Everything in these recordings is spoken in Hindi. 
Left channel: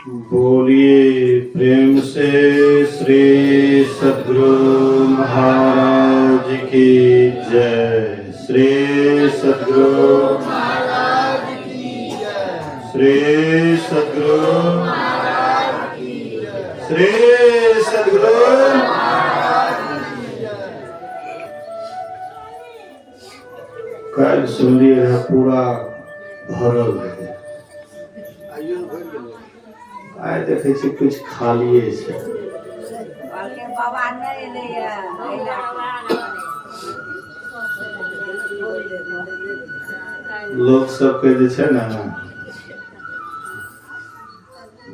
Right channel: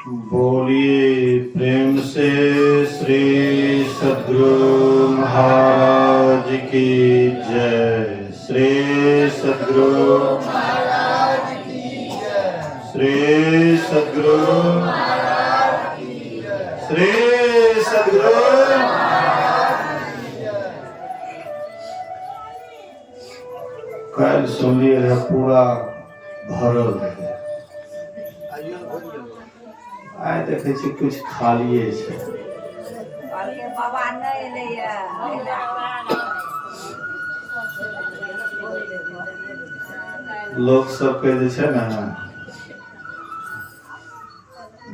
बोलिए प्रेम से श्री सद्गुरु महाराज की जय। श्री सद्गुरु महाराज की जय। श्री सद्गुरु महाराज की जय। श्री सद्गुरु महाराज की जय। कल सुन लिया पूरा भरल है। आए देखे छी कुछ खालिए छै। लोग सबके जे छै ना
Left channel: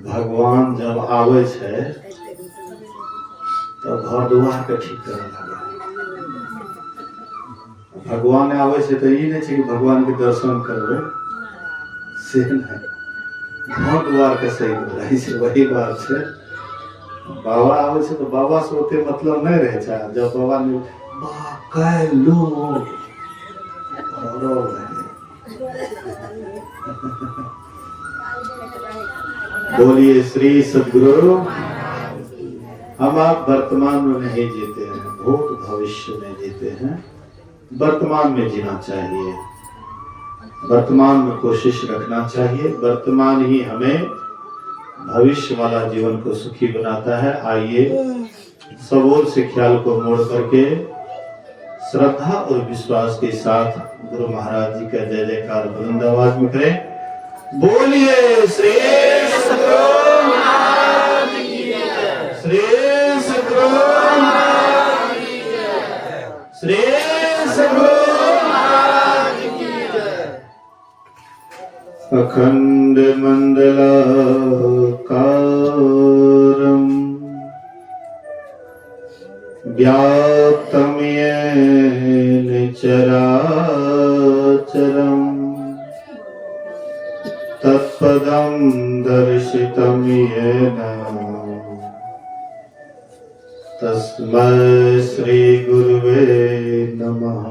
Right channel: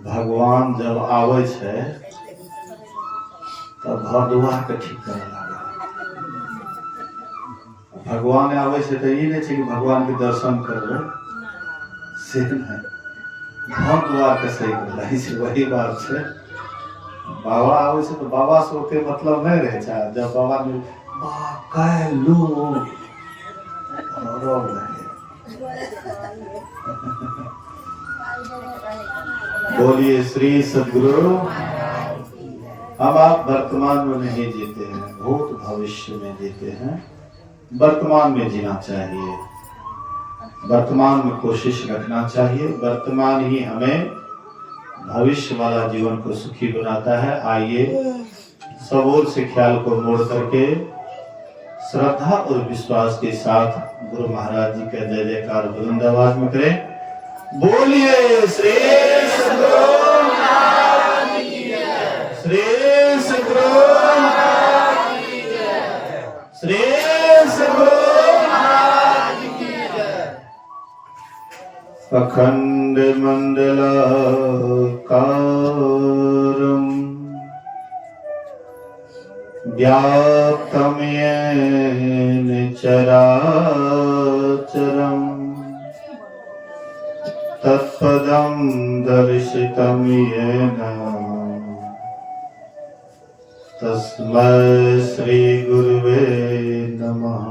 भगवान जब आवे छै तब घर दुआर के ठीक करे लागे। भगवान आवे छै तो ई नहीं छै कि भगवान के दर्शन करबे से नहीं, घर दुआर के सही रही छै। वही बात छै। बाबा आवे छै तो बाबा से ओते मतलब नहीं रहे छै। जब बाबा ने कह लू बोलिए श्री सद्गुरु। हम आप वर्तमान में नहीं जीते हैं, भूत भविष्य में जीते हैं। वर्तमान में जीना चाहिए, वर्तमान में कोशिश रखना चाहिए। वर्तमान ही हमें भविष्य वाला जीवन को सुखी बनाता है। आइए सब ओर से ख्याल को मोड़ करके श्रद्धा और विश्वास के साथ गुरु महाराज जी का जय जयकार बुलंद आवाज में करें। बोलिए श्री सद्गुरु महाराज की जय। श्री सद्गुरु महाराज की जय। श्री सद्गुरु अखंड मंडलाकारं व्याप्तं येन चराचरं तत्पदं दर्शितं येन तस्मै श्री गुरुवे नमः।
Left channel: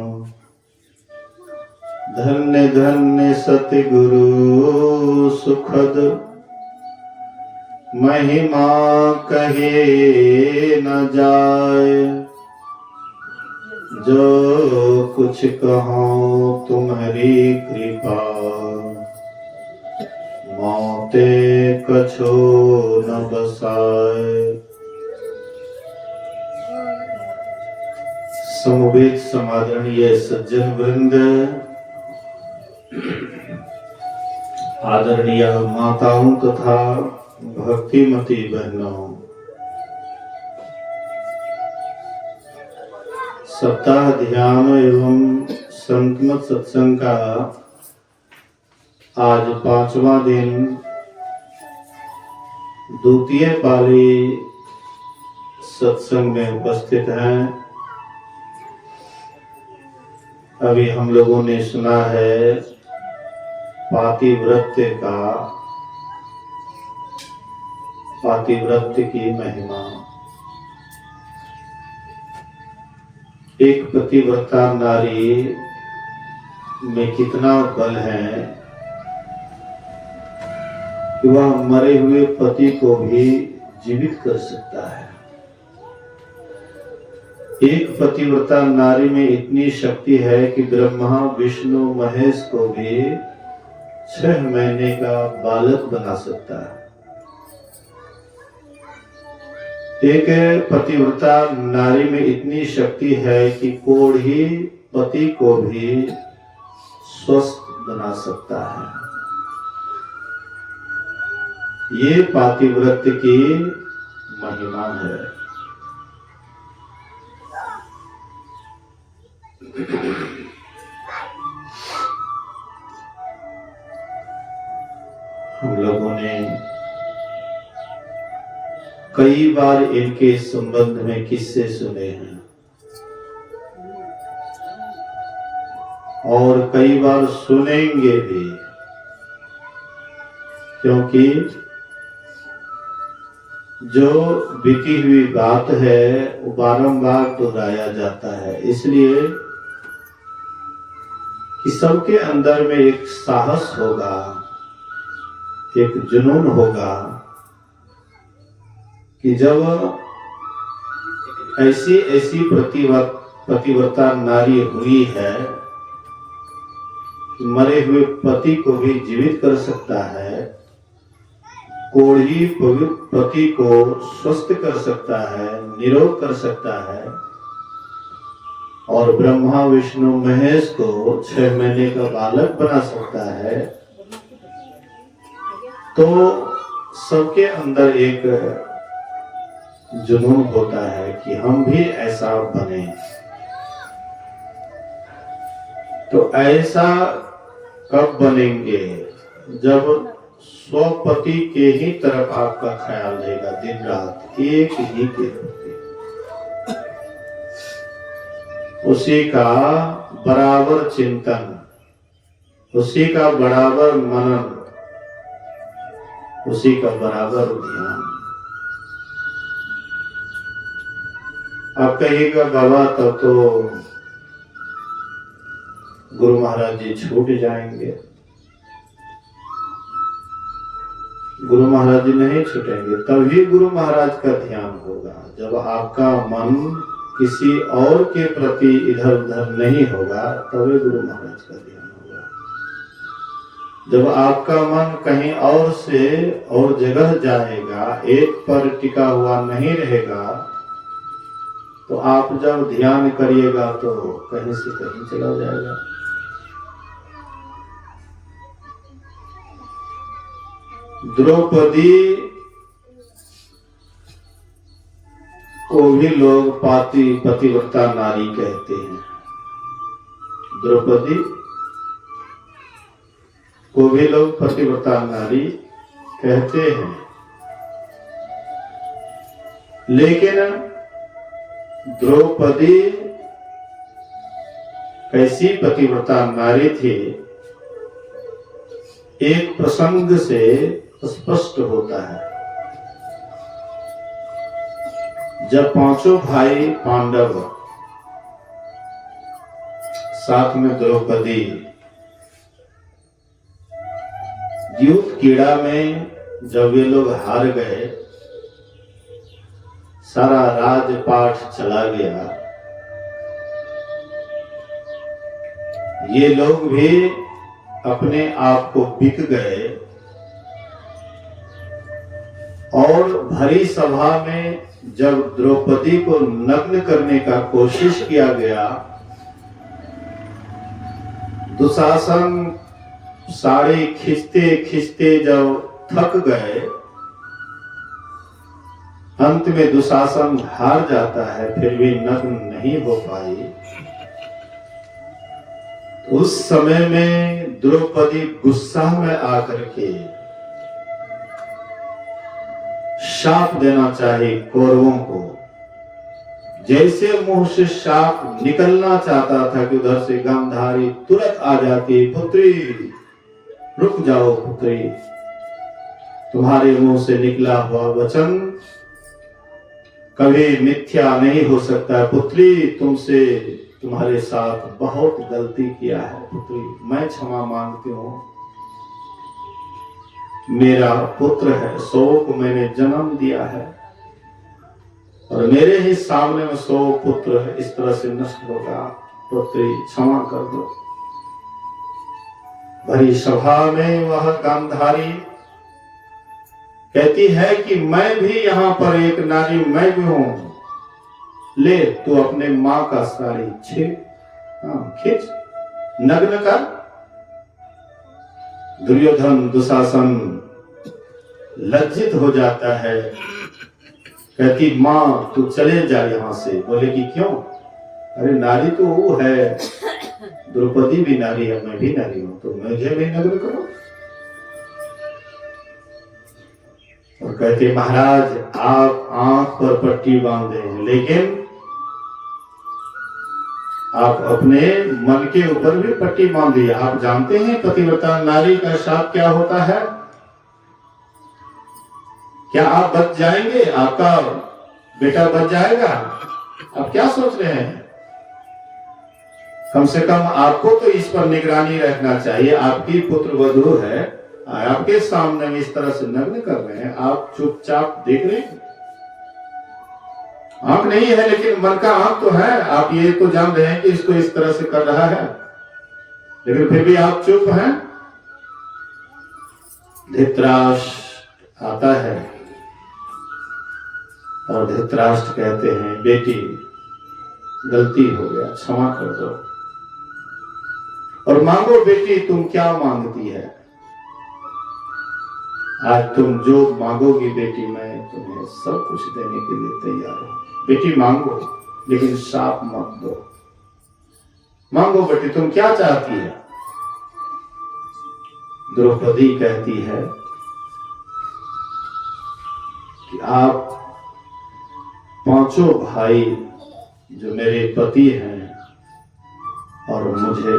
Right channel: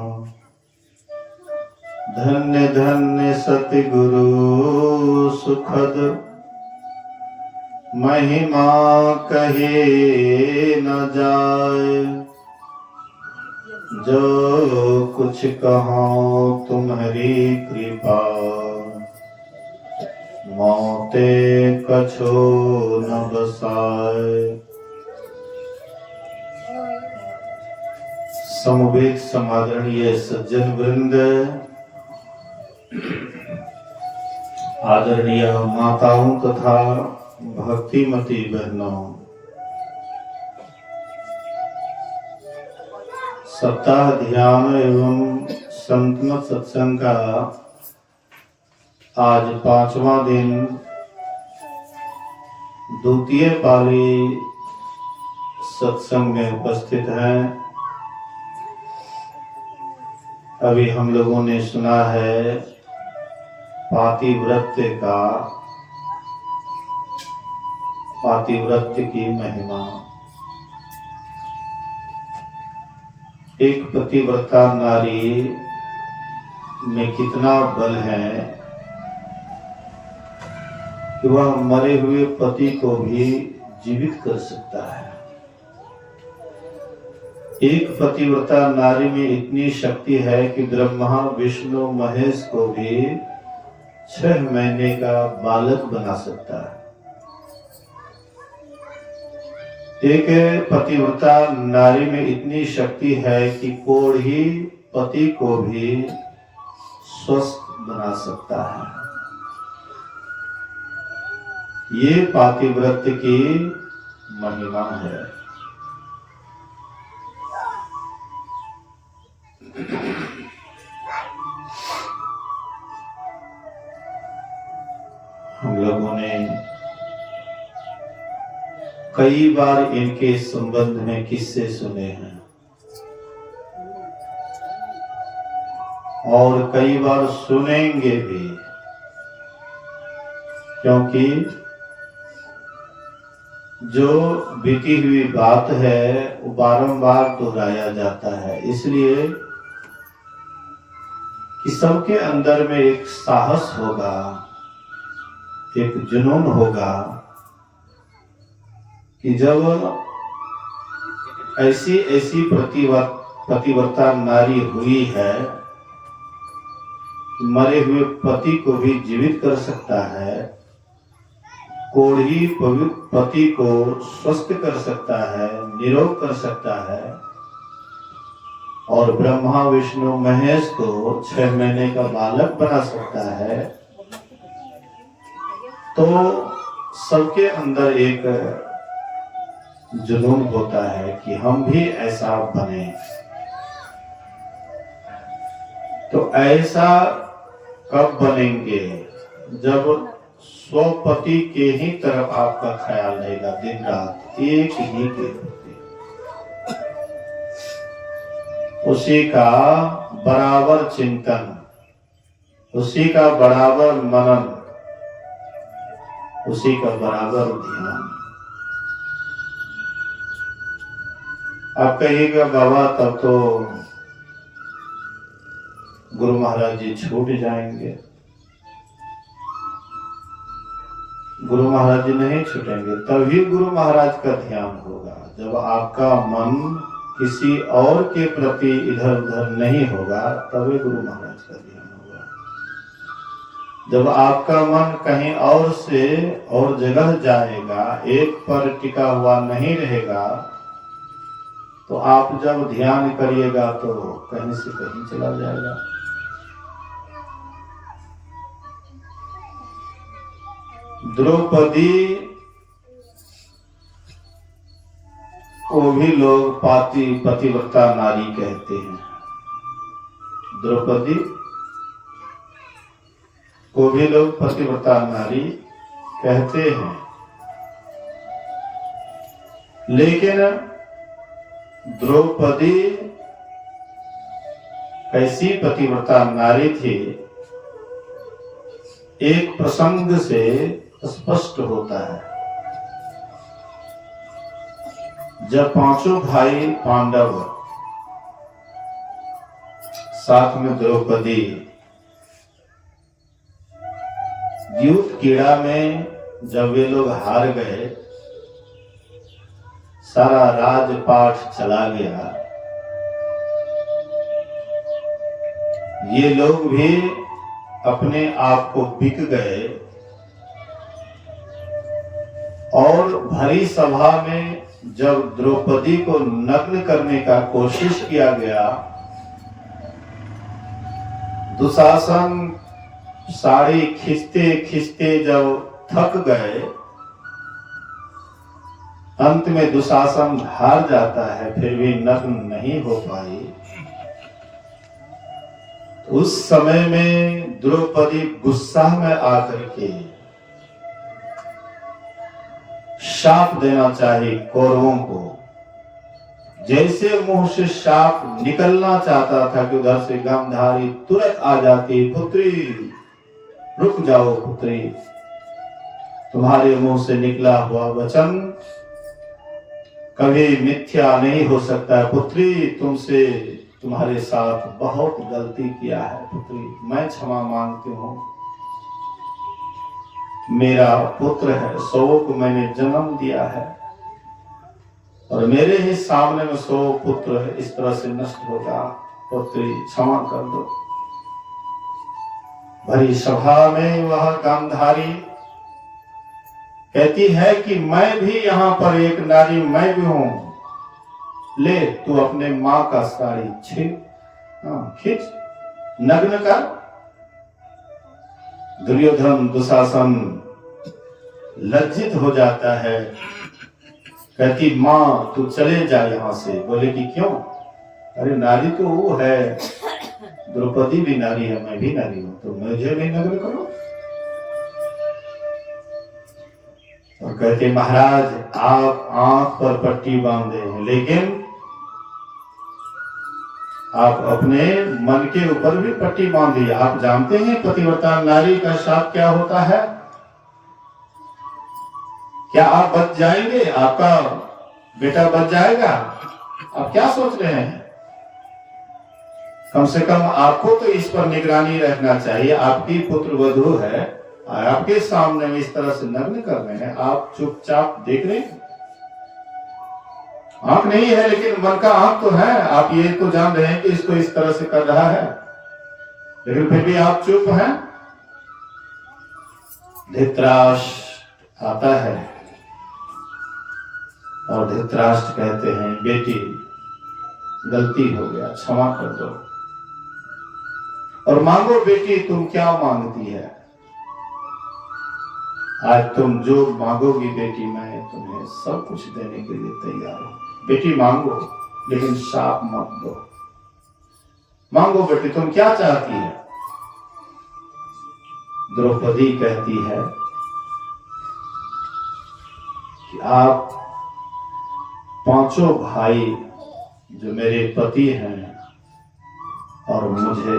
धन्य धन्य सतगुरु सुखद महिमा कहे न जाए। जो कुछ कहो तुम्हारी कृपा मौते कछो न बसाए। समवेत समादरणीय सज्जन वृंद, आदरणीय माताओं तथा भक्तिमती बहनों, सप्ताह ध्यान एवं संतमत सत्संग का आज 5वां दिन, द्वितीय पाली सत्संग में उपस्थित हैं। अभी हम लोगों ने सुना है पातिव्रत्य का, पातिव्रत्य की महिमा। एक पतिव्रता नारी में कितना बल है कि वह मरे हुए पति को भी जीवित कर सकता है। एक पतिव्रता नारी में इतनी शक्ति है कि ब्रह्मा विष्णु महेश को भी 6 महीने का बालक बना सकता है। एक पतिव्रता नारी में इतनी शक्ति है कि कोढ़ी पति को भी स्वस्थ बना सकता है। ये पातिव्रत्य की महिमा है। हम लोगों ने कई बार इनके संबंध में किस्से सुने हैं और कई बार सुनेंगे भी, क्योंकि जो बीती हुई बात है वो बारंबार दोहराया जाता है, इसलिए कि सबके अंदर में एक साहस होगा, एक जुनून होगा कि जब ऐसी ऐसी पतिव्रता नारी हुई है, मरे हुए पति को भी जीवित कर सकता है, कोढ़ी पति को स्वस्थ कर सकता है, निरोग कर सकता है, और ब्रह्मा विष्णु महेश को 6 महीने का बालक बना सकता है, तो सबके अंदर एक जुनून होता है कि हम भी ऐसा बने। तो ऐसा कब बनेंगे? जब स्वपति के ही तरफ आपका ख्याल रहेगा दिन रात, एक ही के प्रति, उसी का बराबर चिंतन, उसी का बराबर मनन, उसी का बराबर ध्यान। आप कहिएगा बाबा तब तो गुरु महाराज जी छूट जाएंगे। गुरु महाराज जी नहीं छूटेंगे, तभी गुरु महाराज का ध्यान होगा जब आपका मन किसी और के प्रति इधर उधर नहीं होगा, तभी गुरु महाराज का ध्यान होगा। जब आपका मन कहीं और से और जगह जाएगा, एक पर टिका हुआ नहीं रहेगा, तो आप जब ध्यान करिएगा तो कहीं से कहीं चला जाएगा। द्रौपदी को भी लोग पतिव्रता नारी कहते हैं। द्रौपदी को भी लोग पतिव्रता नारी कहते हैं, लेकिन द्रौपदी कैसी पतिव्रता नारी थी, एक प्रसंग से स्पष्ट होता है। जब 5 भाई पांडव साथ में द्रौपदी द्यूत कीड़ा में जब वे लोग हार गए, सारा राजपाट चला गया, ये लोग भी अपने आप को बिक गए, और भरी सभा में जब द्रौपदी को नग्न करने का कोशिश किया गया, दुशासन साड़ी खींचते खींचते जब थक गए, अंत में दुशासन हार जाता है, फिर भी नग्न नहीं हो पाई। उस समय में द्रौपदी गुस्सा में आकर के शाप देना चाहिए कौरवों को। जैसे मुंह से शाप निकलना चाहता था कि उधर से गांधारी तुरंत आ जाती, पुत्री रुक जाओ पुत्री, तुम्हारे मुंह से निकला हुआ वचन कभी मिथ्या नहीं हो सकता है पुत्री, तुमसे तुम्हारे साथ बहुत गलती किया है पुत्री, मैं क्षमा मांगती हूँ। मेरा पुत्र है, 100 को मैंने जन्म दिया है, और मेरे ही सामने में 100 पुत्र इस तरह से नष्ट होगा, पुत्री क्षमा कर दो। भरी सभा में वह गांधारी कहती है कि मैं भी यहाँ पर एक नारी, मैं भी हूं, ले तू अपने माँ का साड़ी खींच, नग्न कर। दुर्योधन दुशासन लज्जित हो जाता है, कहती माँ तू चले जा यहां से। बोले कि क्यों? अरे नारी तो वो है, द्रौपदी भी नारी है, मैं भी नारी हूं, तो मुझे भी नग्न करो। और कहते महाराज आप आंख पर पट्टी बांधे हैं, लेकिन आप अपने मन के ऊपर भी पट्टी बांधिए। आप जानते हैं पतिव्रता नारी का शाप क्या होता है? क्या आप बच जाएंगे? आपका बेटा बच जाएगा? आप क्या सोच रहे हैं? कम से कम आपको तो इस पर निगरानी रखना चाहिए। आपकी पुत्र वधू है, आपके सामने में इस तरह से नग्न कर रहे हैं, आप चुपचाप देख रहे हैं, आंख नहीं है लेकिन मन का आंख तो है। आप ये तो जान रहे हैं कि इसको इस तरह से कर रहा है, लेकिन फिर भी आप चुप हैं। धृतराष्ट्र आता है और धृतराष्ट्र कहते हैं, बेटी गलती हो गया, क्षमा कर दो और मांगो बेटी तुम क्या मांगती है। आज तुम जो मांगोगी बेटी, मैं तुम्हें सब कुछ देने के लिए तैयार हूं। बेटी मांगो, लेकिन श्राप मत दो। मांगो बेटी, तुम क्या चाहती है। द्रौपदी कहती है कि आप पांचों भाई जो मेरे पति हैं और मुझे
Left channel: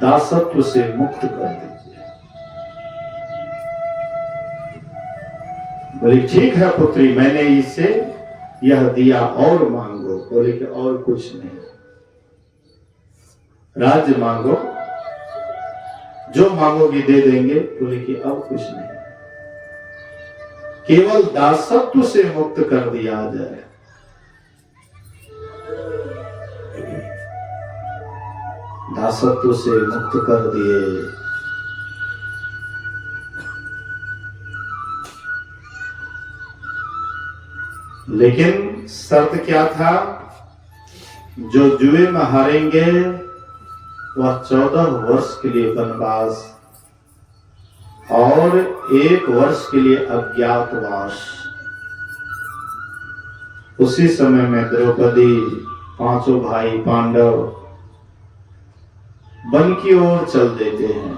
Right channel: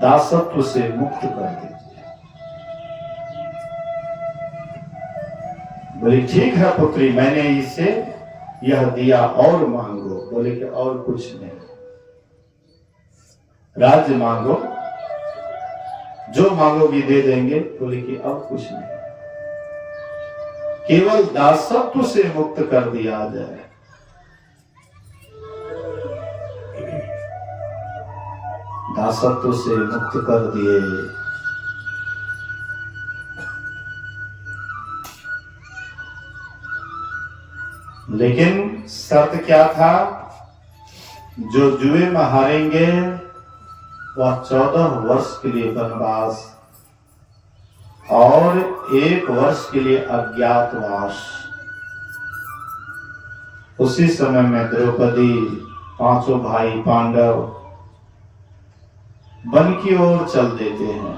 दासत्व से मुक्त कर दीजिए। बोली ठीक है पुत्री, मैंने इसे यह दिया और मांगो। बोले कि और कुछ नहीं, राज्य मांगो, जो मांगोगी दे देंगे। बोले कि और कुछ नहीं, केवल दासत्व से मुक्त कर दिया जाए। दासत्व से मुक्त कर दिए। लेकिन शर्त क्या था, जो जुए में हारेंगे वह 14 वर्ष के लिए वनवास और 1 वर्ष के लिए अज्ञातवास। उसी समय में द्रौपदी, पांचों भाई पांडव वन की ओर चल देते हैं।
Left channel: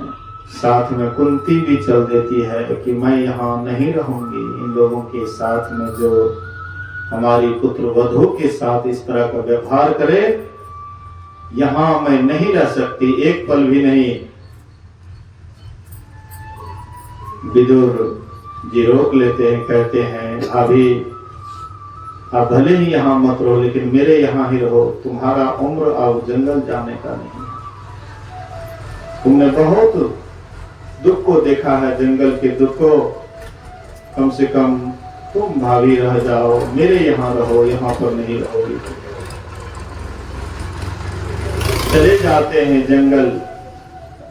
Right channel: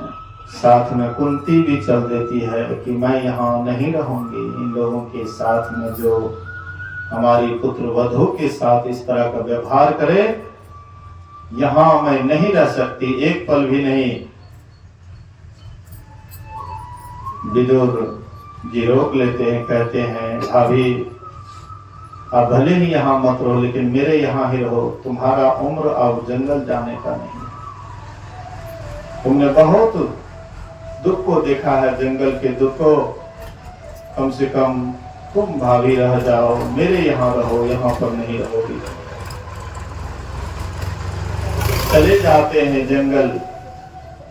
साथ में कुंती भी चल देती है कि मैं यहाँ नहीं रहूंगी, इन लोगों के साथ में जो हमारी पुत्र वधू के साथ इस तरह का व्यवहार करे, यहां मैं नहीं रह सकती, एक पल भी नहीं। विदुर जी रोक लेते हैं, कहते हैं अभी आप भले ही यहाँ मत रहो, लेकिन मेरे यहाँ ही रहो। तुम्हारा उम्र अब जंगल जाने का नहीं है। तुमने बहुत दुख को देखा है, जंगल के दुख को। कम से कम तुम भाभी रह जाओ, मेरे यहाँ रहो, यहाँ पर नहीं रहोगी। चले जाते हैं जंगल,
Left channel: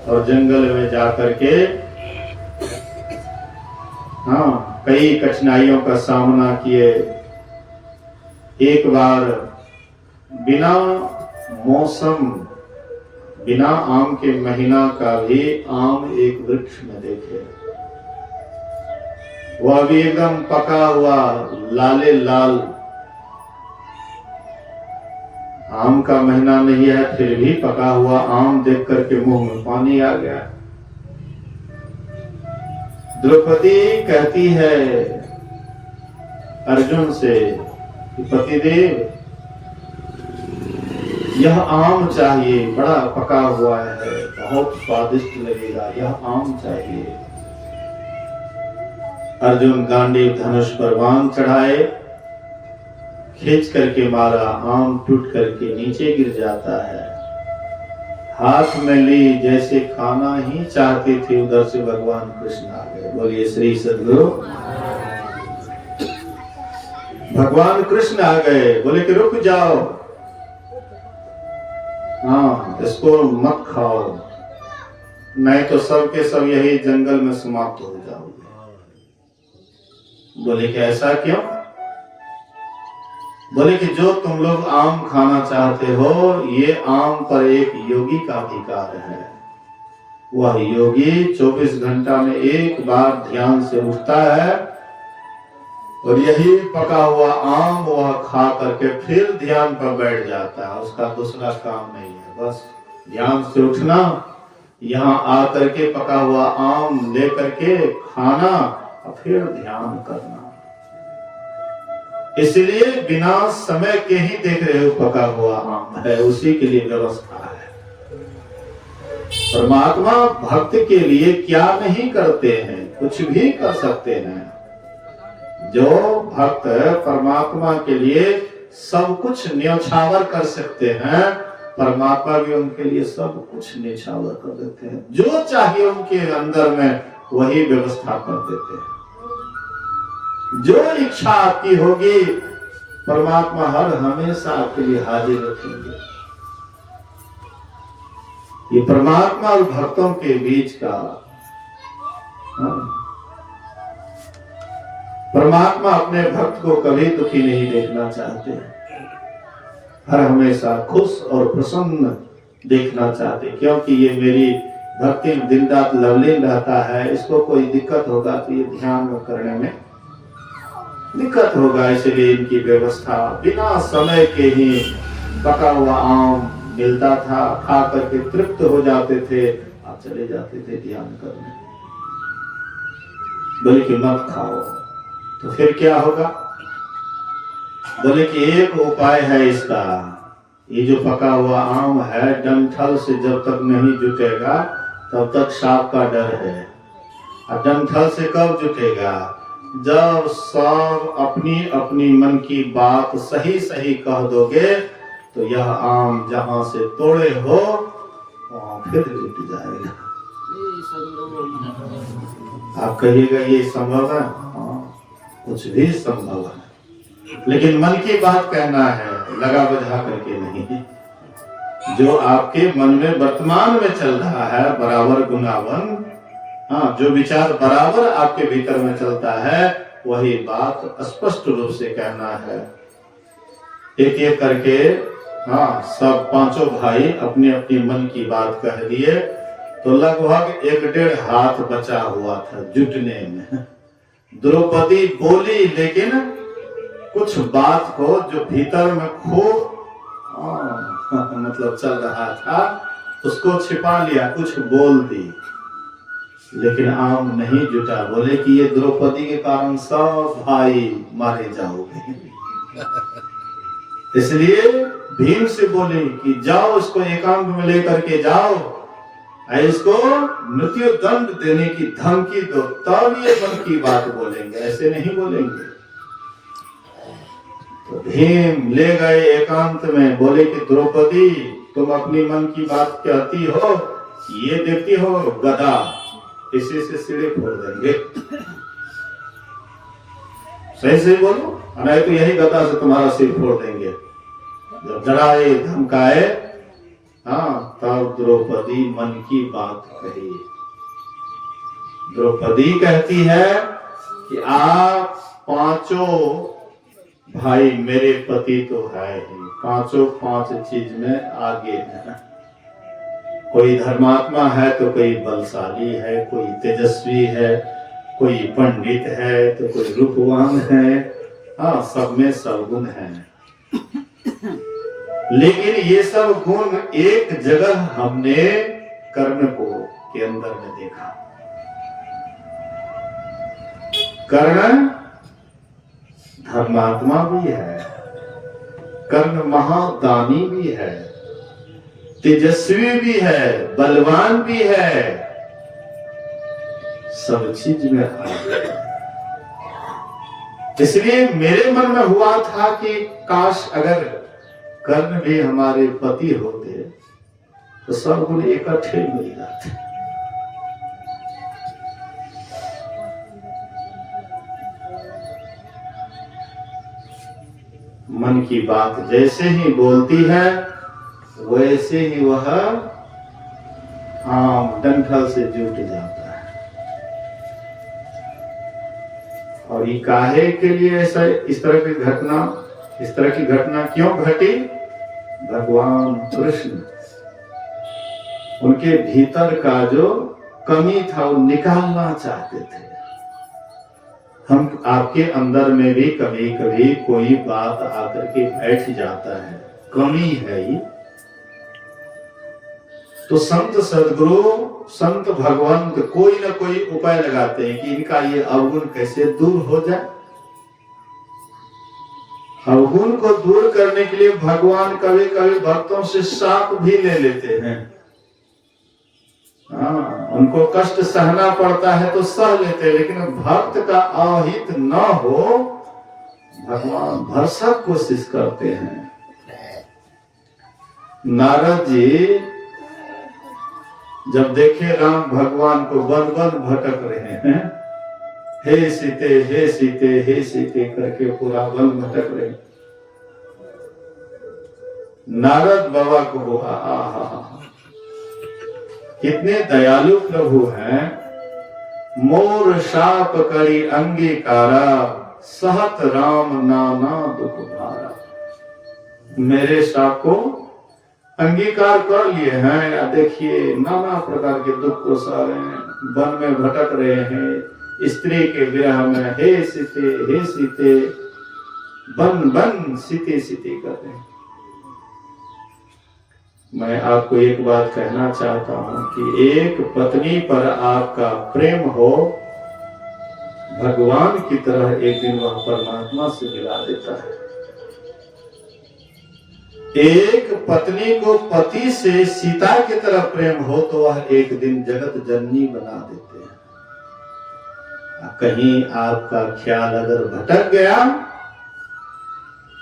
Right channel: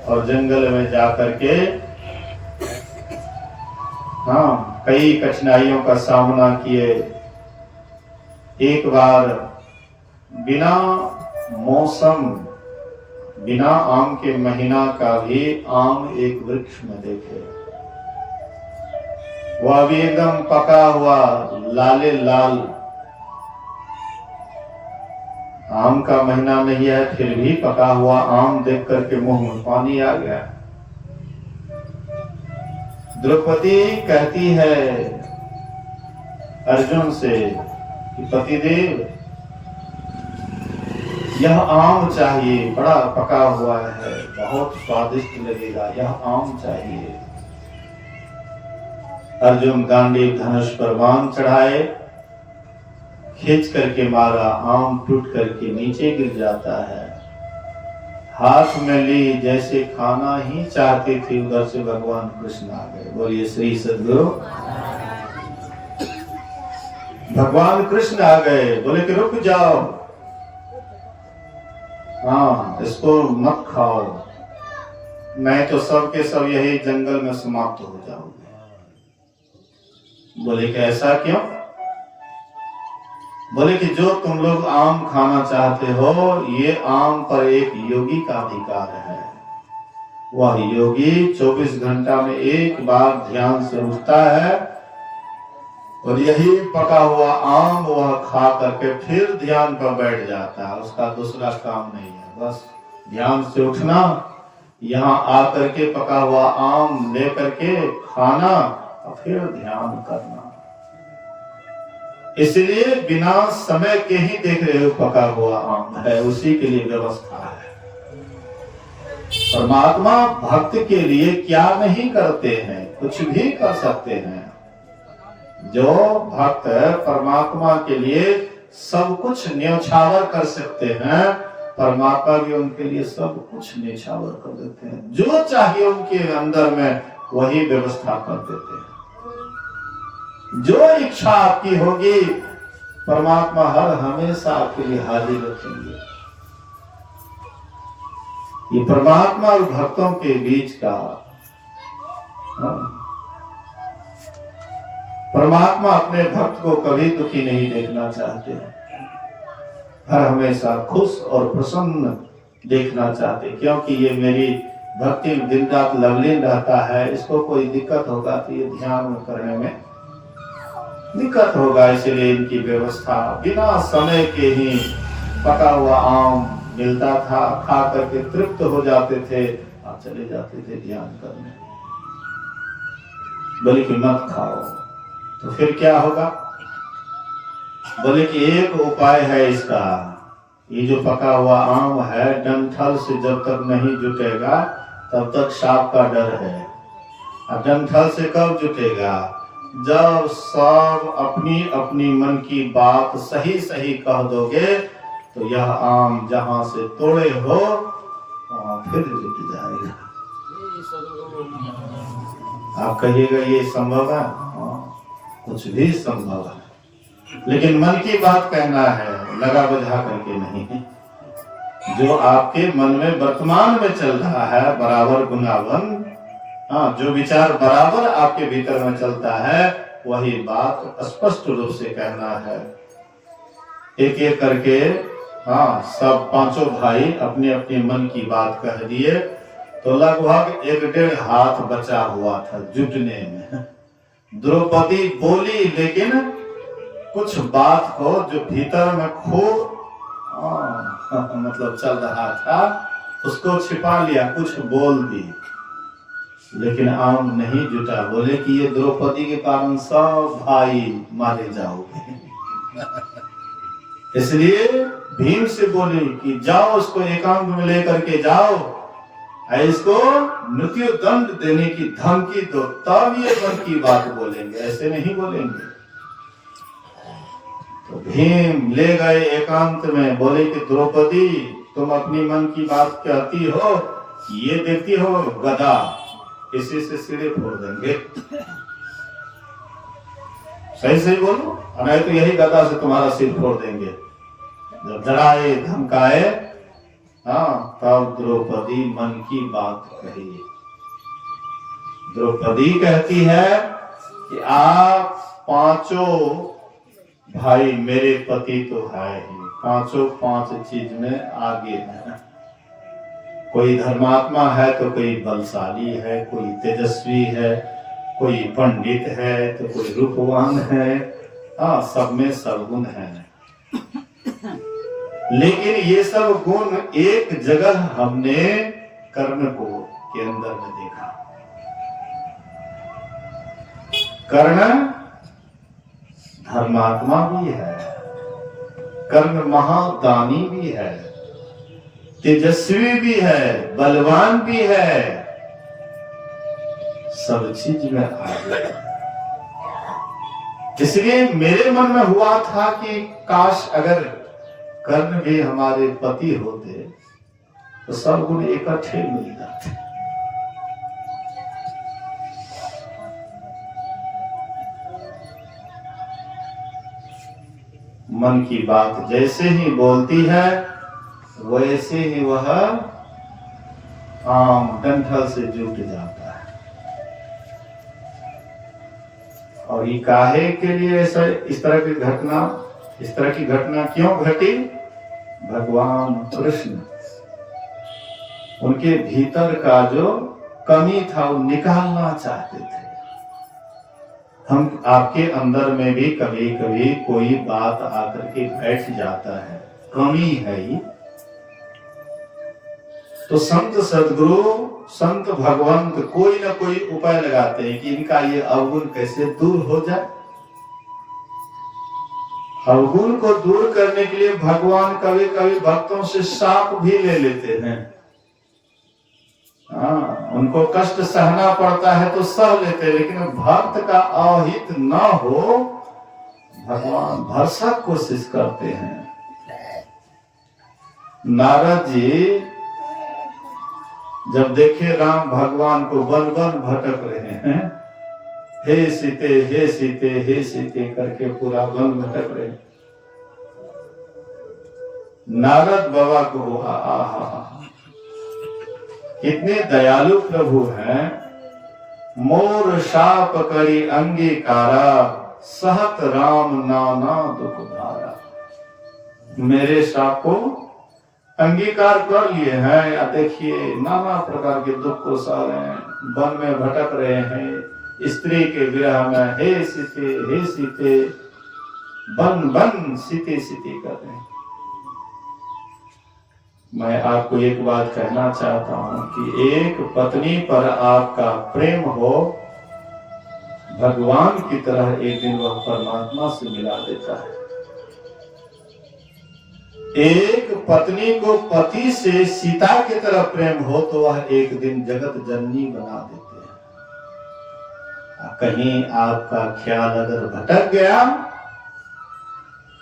और जंगल में जाकर के कई कठिनाइयों का सामना किए। एक बार बिना मौसम, बिना आम के महीना का भी आम एक वृक्ष में देखे। वह भी एकदम पका हुआ लाले लाल, आम का महीना नहीं है, फिर भी पका हुआ आम देख करके मुंह में पानी आ गया। द्रौपदी कहती है अर्जुन से कि पतिदेव, यह आम चाहिए, बड़ा पका हुआ है, बहुत स्वादिष्ट लगेगा, यह आम चाहिए। अर्जुन गांडीव धनुष पर बाण चढ़ाए, खींच करके मारा, आम टूट करके नीचे गिर जाता है। हाथ में ली, जैसे खाना ही चाहती थी, उधर से भगवान कृष्ण आ गए। बोलिए श्री सद्गुरु। भगवान कृष्ण आ गए, बोले कि रुक जाओ, इसको मत खाओ, मैं तो सबके सब यही जंगल में समाप्त हो जाऊंगे। बोले कि ऐसा क्यों? बोले कि जो तुम लोग आम खाना चाहते हो, ये आम पर एक योगी का अधिकार है। वह योगी 24 घंटा में एक बार ध्यान से उठता है और यही पका हुआ आम वह खा करके फिर ध्यान पर बैठ जाता है। उसका दूसरा काम नहीं है, बस ध्यान से उठना, यहाँ आकर के पका हुआ आम ले करके खाना और फिर ध्यान करना। इसलिए बिना समय के ही देख रहे हो पका हुआ आम है, उसी के लिए व्यवस्था है। परमात्मा भक्त के लिए क्या नहीं करते हैं, कुछ भी कर सकते हैं। जो भक्त परमात्मा के लिए सब कुछ न्यौछावर कर सकते हैं, परमात्मा भी उनके लिए सब कुछ न्यौछावर कर देते हैं। जो चाहिए उनके अंदर में वही व्यवस्था कर देते हैं। जो इच्छा आपकी होगी परमात्मा हर हमेशा आपके लिए हाजिर रखेंगे। ये परमात्मा और भक्तों के बीच का, परमात्मा अपने भक्त को कभी दुखी नहीं देखना चाहते, हर हमेशा खुश और प्रसन्न देखना चाहते, क्योंकि ये मेरी भक्ति में दिन रात लवलीन रहता है, इसको कोई दिक्कत होगा तो ये ध्यान करने में दिक्कत होगा, इसलिए इनकी व्यवस्था बिना समय के ही पका हुआ आम मिलता था, खा करके तृप्त हो जाते थे, आप चले जाते थे ध्यान करने। बोले कि मत खाओ, तो फिर क्या होगा? बोले कि एक उपाय है इसका, ये जो पका हुआ आम है डंठल से जब तक नहीं जुटेगा तब तक सांप का डर है, और डंठल से कब जुटेगा? जब सब अपनी अपनी मन की बात सही सही कह दोगे तो यह आम जहां से तोड़े हो वहां फिर जुट जाएगा। आप कहिएगा ये संभव है? कुछ भी संभव है, लेकिन मन की बात कहना है, लगा बुझा करके नहीं। जो आपके मन में वर्तमान में चल रहा है बराबर गुनावन, जो विचार बराबर आपके भीतर में चलता है वही बात स्पष्ट रूप से कहना है। एक एक करके सब पांचों भाई अपने अपने मन की बात कह दिए, तो लगभग 1.5 हाथ बचा हुआ था जुटने में। द्रौपदी बोली, लेकिन कुछ बात को जो भीतर में खूब मतलब चल रहा था उसको छिपा लिया, कुछ बोल दी, लेकिन आम नहीं जुटा। बोले कि ये द्रौपदी के कारण सब भाई मारे जाओगे, इसलिए भीम से बोले कि जाओ इसको एकांत में लेकर के जाओ, इसको मृत्यु दंड देने की धमकी दो, तब ये मन की बात बोलेंगे, ऐसे नहीं बोलेंगे। तो भीम ले गए एकांत में, बोले कि द्रौपदी तुम अपनी मन की बात कहती हो, ये देती हो गदा, इसी से सिरे फोड़ देंगे, सही सही बोलो, नहीं तो यही गदा से तुम्हारा सिर फोड़ देंगे। जब डराए धमकाए, तब द्रौपदी मन की बात कही। द्रौपदी कहती है कि आप पांचों भाई मेरे पति तो है ही, पांचों 5 चीज में आगे है। कोई धर्मात्मा है तो कोई बलशाली है, कोई तेजस्वी है, कोई पंडित है तो कोई रूपवान है, सब में सब गुण है। लेकिन ये सब गुण एक जगह हमने कर्ण को के अंदर में देखा। कर्ण धर्मात्मा भी है, कर्ण महादानी भी है, तेजस्वी भी है, बलवान भी है, सब चीज में आगे। इसलिए मेरे मन में हुआ था कि काश अगर कर्ण भी हमारे पति होते तो सब गुण इकट्ठे मिल जाते। मन की बात जैसे ही बोलती है वैसे ही वह आम डंठल से जुट जाता है। और ये काहे के लिए ऐसा इस तरह की घटना क्यों घटी? भगवान कृष्ण उनके भीतर का जो कमी था वो निकालना चाहते थे। हम आपके अंदर में भी कभी कभी कोई बात आकर के बैठ जाता है, कमी है ही, तो संत सदगुरु संत भगवंत कोई ना कोई उपाय लगाते हैं कि इनका ये अवगुण कैसे दूर हो जाए। अवगुण को दूर करने के लिए भगवान कभी कभी भक्तों से शाप भी ले लेते हैं। उनको कष्ट सहना पड़ता है तो सह लेते हैं, लेकिन भक्त का अहित न हो भगवान भरसक कोशिश करते हैं। नारद जी जब देखे राम भगवान को वन वन भटक रहे हैं, हे सीते हे सीते हे सीते करके पूरा वन भटक रहे, नारद बाबा को हुआ, आहा कितने दयालु प्रभु हैं। मोर शाप करी अंगीकारा, सहत राम नाना दुख भारा। मेरे शाप को अंगीकार कर लिए हैं, या देखिए नाना प्रकार के दुख को सह रहे हैं, वन में भटक रहे हैं, स्त्री के विरह में हे सीते बन बन सीते सीते कर रहे हैं। मैं आपको एक बात कहना चाहता हूं कि एक पत्नी पर आपका प्रेम हो, भगवान की तरह एक दिन वह परमात्मा से मिला देता है। एक पत्नी को पति से सीता की तरह प्रेम हो तो वह एक दिन जगत जननी बना देते हैं। कहीं आपका ख्याल अगर भटक गया,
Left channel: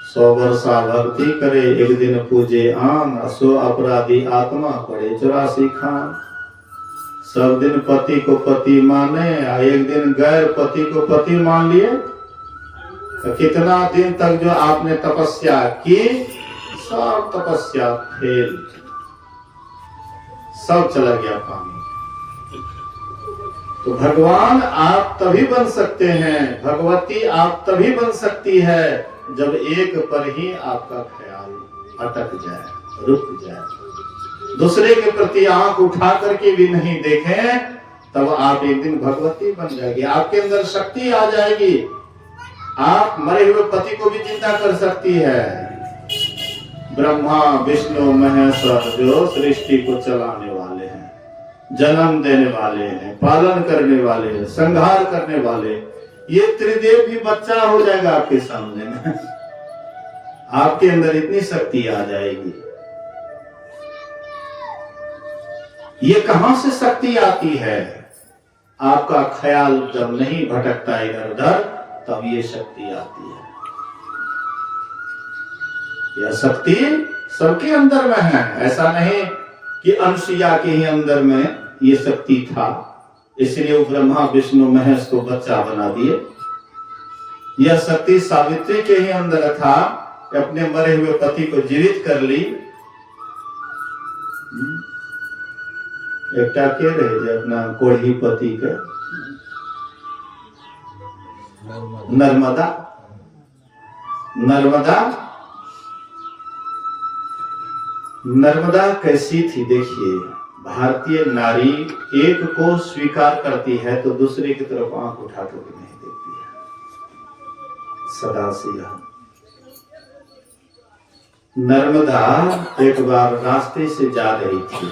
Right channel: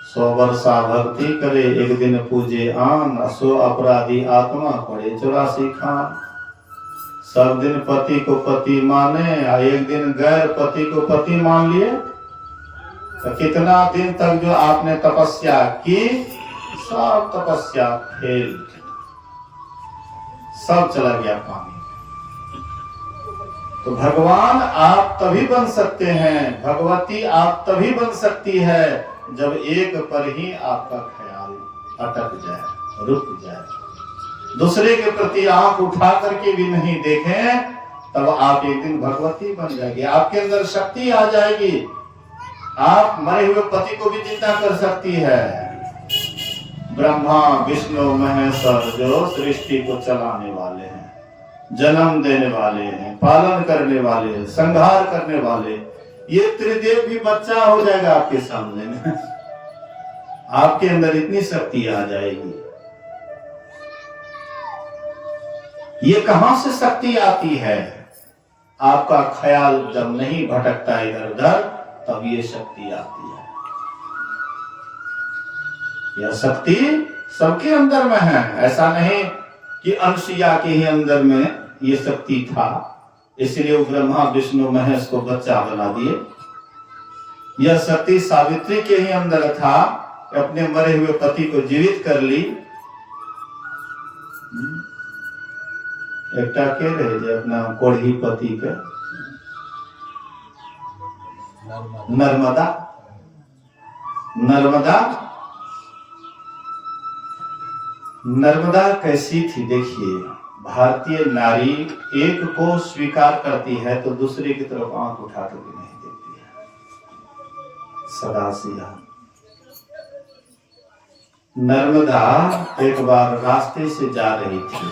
100 वर्षा भक्ति करे, एक दिन पूजे आन, असो अपराधी आत्मा पड़े 84 खान। सब दिन पति को पति माने, एक दिन गैर पति को पति मान लिए, तो कितना दिन तक जो आपने तपस्या की, सब तपस्या फेल, सब चला गया पानी। तो भगवान आप तभी बन सकते हैं, भगवती आप तभी बन सकती है जब एक पर ही आपका ख्याल अटक जाए, रुक जाए, दूसरे के प्रति आंख उठा करके भी नहीं देखें, तब आप एक दिन भगवती बन जाएगी। आपके अंदर शक्ति आ जाएगी, आप मरे हुए पति को भी जिंदा कर सकती है। ब्रह्मा विष्णु महेश्वर जो सृष्टि को चलाने वाले हैं, जन्म देने वाले हैं, पालन करने वाले हैं, संहार करने वाले, ये त्रिदेव भी बच्चा हो जाएगा आपके सामने में। आपके अंदर इतनी शक्ति आ जाएगी। ये कहां से शक्ति आती है? आपका ख्याल जब नहीं भटकता इधर उधर, तब ये शक्ति आती है। यह शक्ति सबके अंदर में है, ऐसा नहीं कि अनसुईया के ही अंदर में ये शक्ति था, इसलिए वो ब्रह्मा विष्णु महेश को बच्चा बना दिए। यह शक्ति सावित्री के ही अंदर था, अपने मरे हुए पति को जीवित कर ली। एकटा के रहे जे अपना कोढ़ी पति के, नर्मदा। नर्मदा कैसी थी देखिए। भारतीय नारी एक को स्वीकार करती है तो दूसरे की तरफ आंख उठा कर भी नहीं देखती है, सदा से यह। नर्मदा एक बार रास्ते से जा रही थी,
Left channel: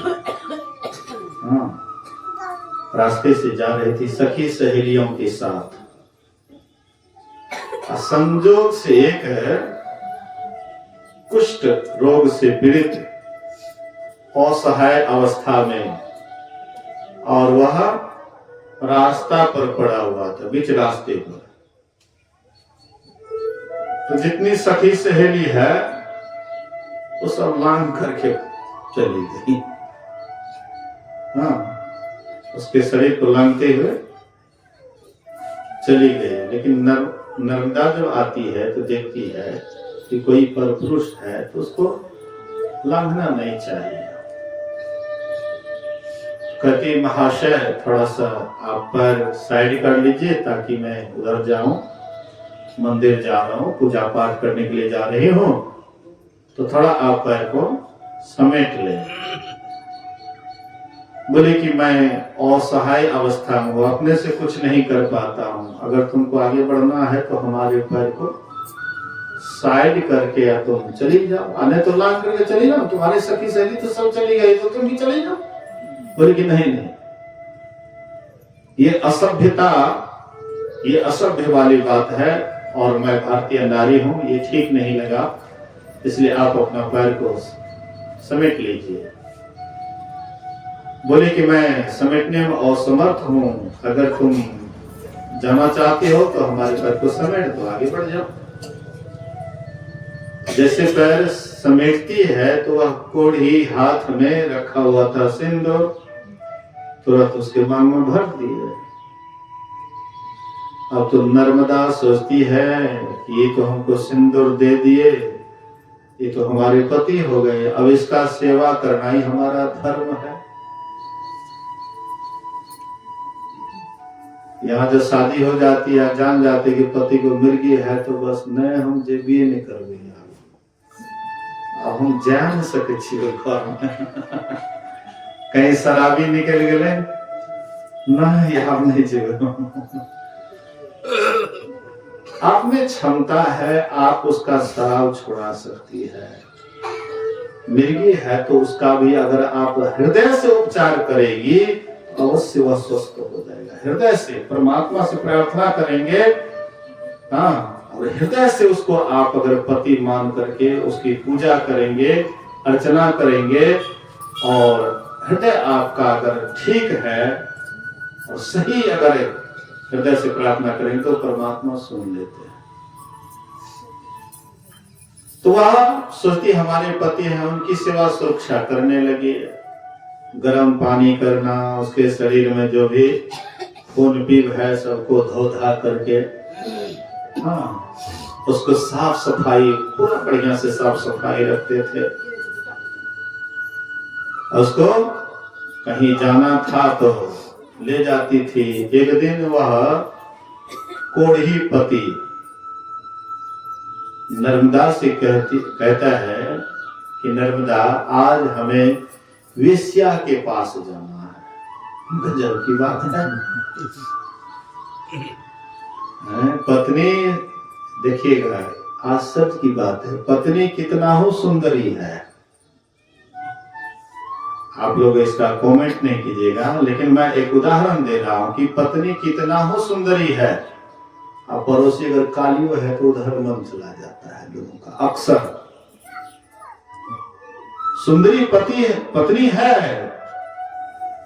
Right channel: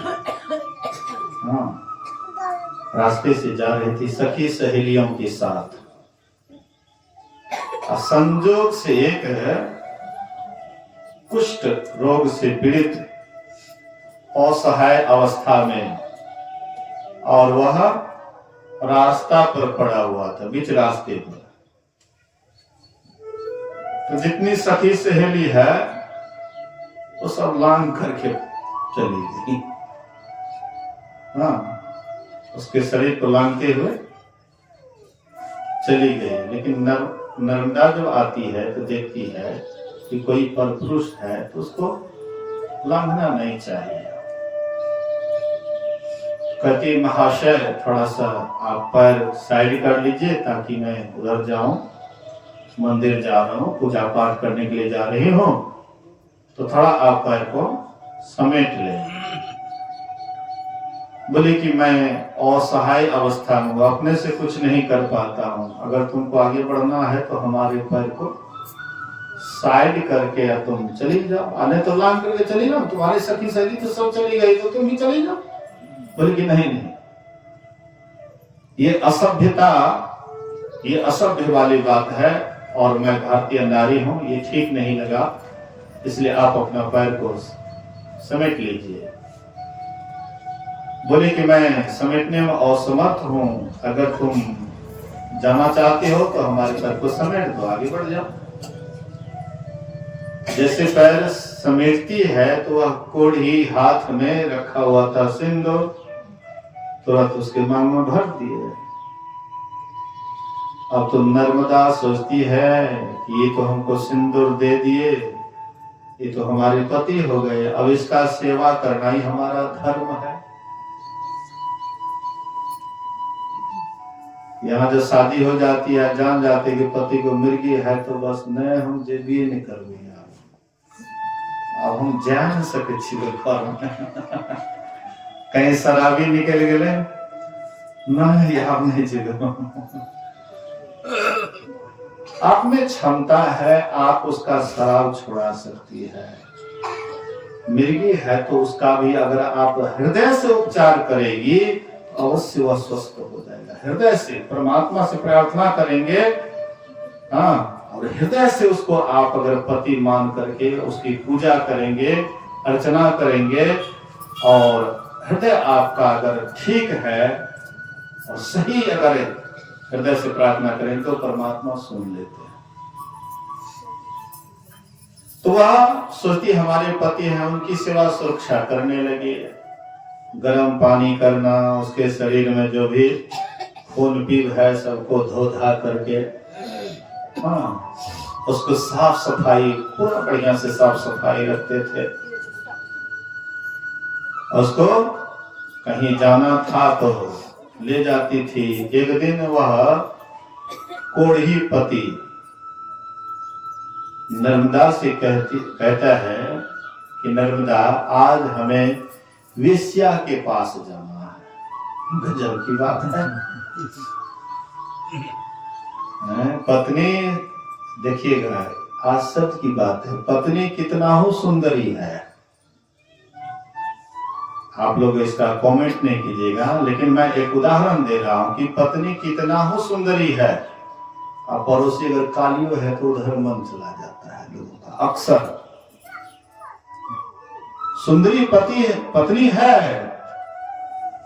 रास्ते से जा रही थी सखी सहेलियों के साथ। संजोग से एक कुष्ठ रोग से पीड़ित असहाय अवस्था में, और वह रास्ता पर पड़ा हुआ था, बीच रास्ते पर। तो जितनी सखी सहेली है वो सब लांग करके चली गई। उसके शरीर को लांगते हुए चली गई। लेकिन नर्मदा जब आती है तो देखती है कि कोई परपुरुष है तो उसको लांघना नहीं चाहिए। कहती महाशय थोड़ा सा आप पैर साइड कर लीजिए ताकि मैं उधर जाऊं, मंदिर जा रहा हूं, पूजा पाठ करने के लिए जा रही हूं, तो थोड़ा आप पैर को समेट लें। बोले कि मैं असहाय अवस्था में हूं, अपने से कुछ नहीं कर पाता हूं, अगर तुमको आगे बढ़ना है तो हमारे पैर को साइड करके या तुम चली जाओ, आने तो लांग करके चली जाओ, तुम्हारी सखी सहेली तो सब चली गई तो तुम भी चली जाओ। बोले कि नहीं, ये असभ्यता, ये असभ्य वाली बात है, और मैं भारतीय नारी हूं, ये ठीक नहीं लगा, इसलिए आप अपना पैर को समेट लीजिए। बोले कि मैं समेटने में असमर्थ हूं, अगर तुम जाना चाहते हो तो हमारे पैर को समेट दो, आगे बढ़ जाओ। जैसे पैर समेटती है तो वह कोढ़ी हाथ में रखा हुआ था सिंदूर, तुरंत उसके मांग में भर दिए। अब तो नर्मदा सोचती है कि ये तो हमको सिंदूर दे दिए, ये तो हमारे पति हो गए, अब इसका सेवा करना ही हमारा धर्म है। यहाँ जो शादी हो जाती है, जान जाते कि पति को मिर्गी है, तो बस नहीं हम जे भी नहीं करबे, अब हम जा नहीं सके छिए घर में। कहीं शराबी निकल गए, नहीं हम नहीं जेबे। आप में क्षमता है, आप उसका शराब छुड़ा सकती है। मिर्गी है तो उसका भी अगर आप हृदय से उपचार करेगी, अवश्य वह स्वस्थ हो जाएगा। हृदय से परमात्मा से प्रार्थना करेंगे, हाँ, और हृदय से उसको आप अगर पति मान करके उसकी पूजा करेंगे, अर्चना करेंगे, और हृदय आपका अगर ठीक है और सही अगर हृदय से प्रार्थना करेंगे तो परमात्मा सुन लेते हैं। तो वह सोचती हमारे पति हैं, उनकी सेवा सुरक्षा करने लगी। गर्म पानी करना, उसके शरीर में जो भी खून पीव है सबको धो धा करके, हाँ, उसको साफ सफाई पूरा बढ़िया से साफ सफाई रखते थे। उसको कहीं जाना था तो ले जाती थी। एक दिन वह कोढ़ी पति नर्मदा से कहता है कि नर्मदा, आज हमें वेश्या के पास जाना है। गजब की बात है। पत्नी, देखिएगा आश्चर्य की बात है, पत्नी कितना हो सुंदरी है। आप लोग इसका कमेंट नहीं कीजिएगा, लेकिन मैं एक उदाहरण दे रहा हूं कि पत्नी कितना हो सुंदरी है। अब पड़ोसी अगर कालियो है तो उधर मन चला जाता है लोगों का, अक्सर। सुंदरी पत्नी है,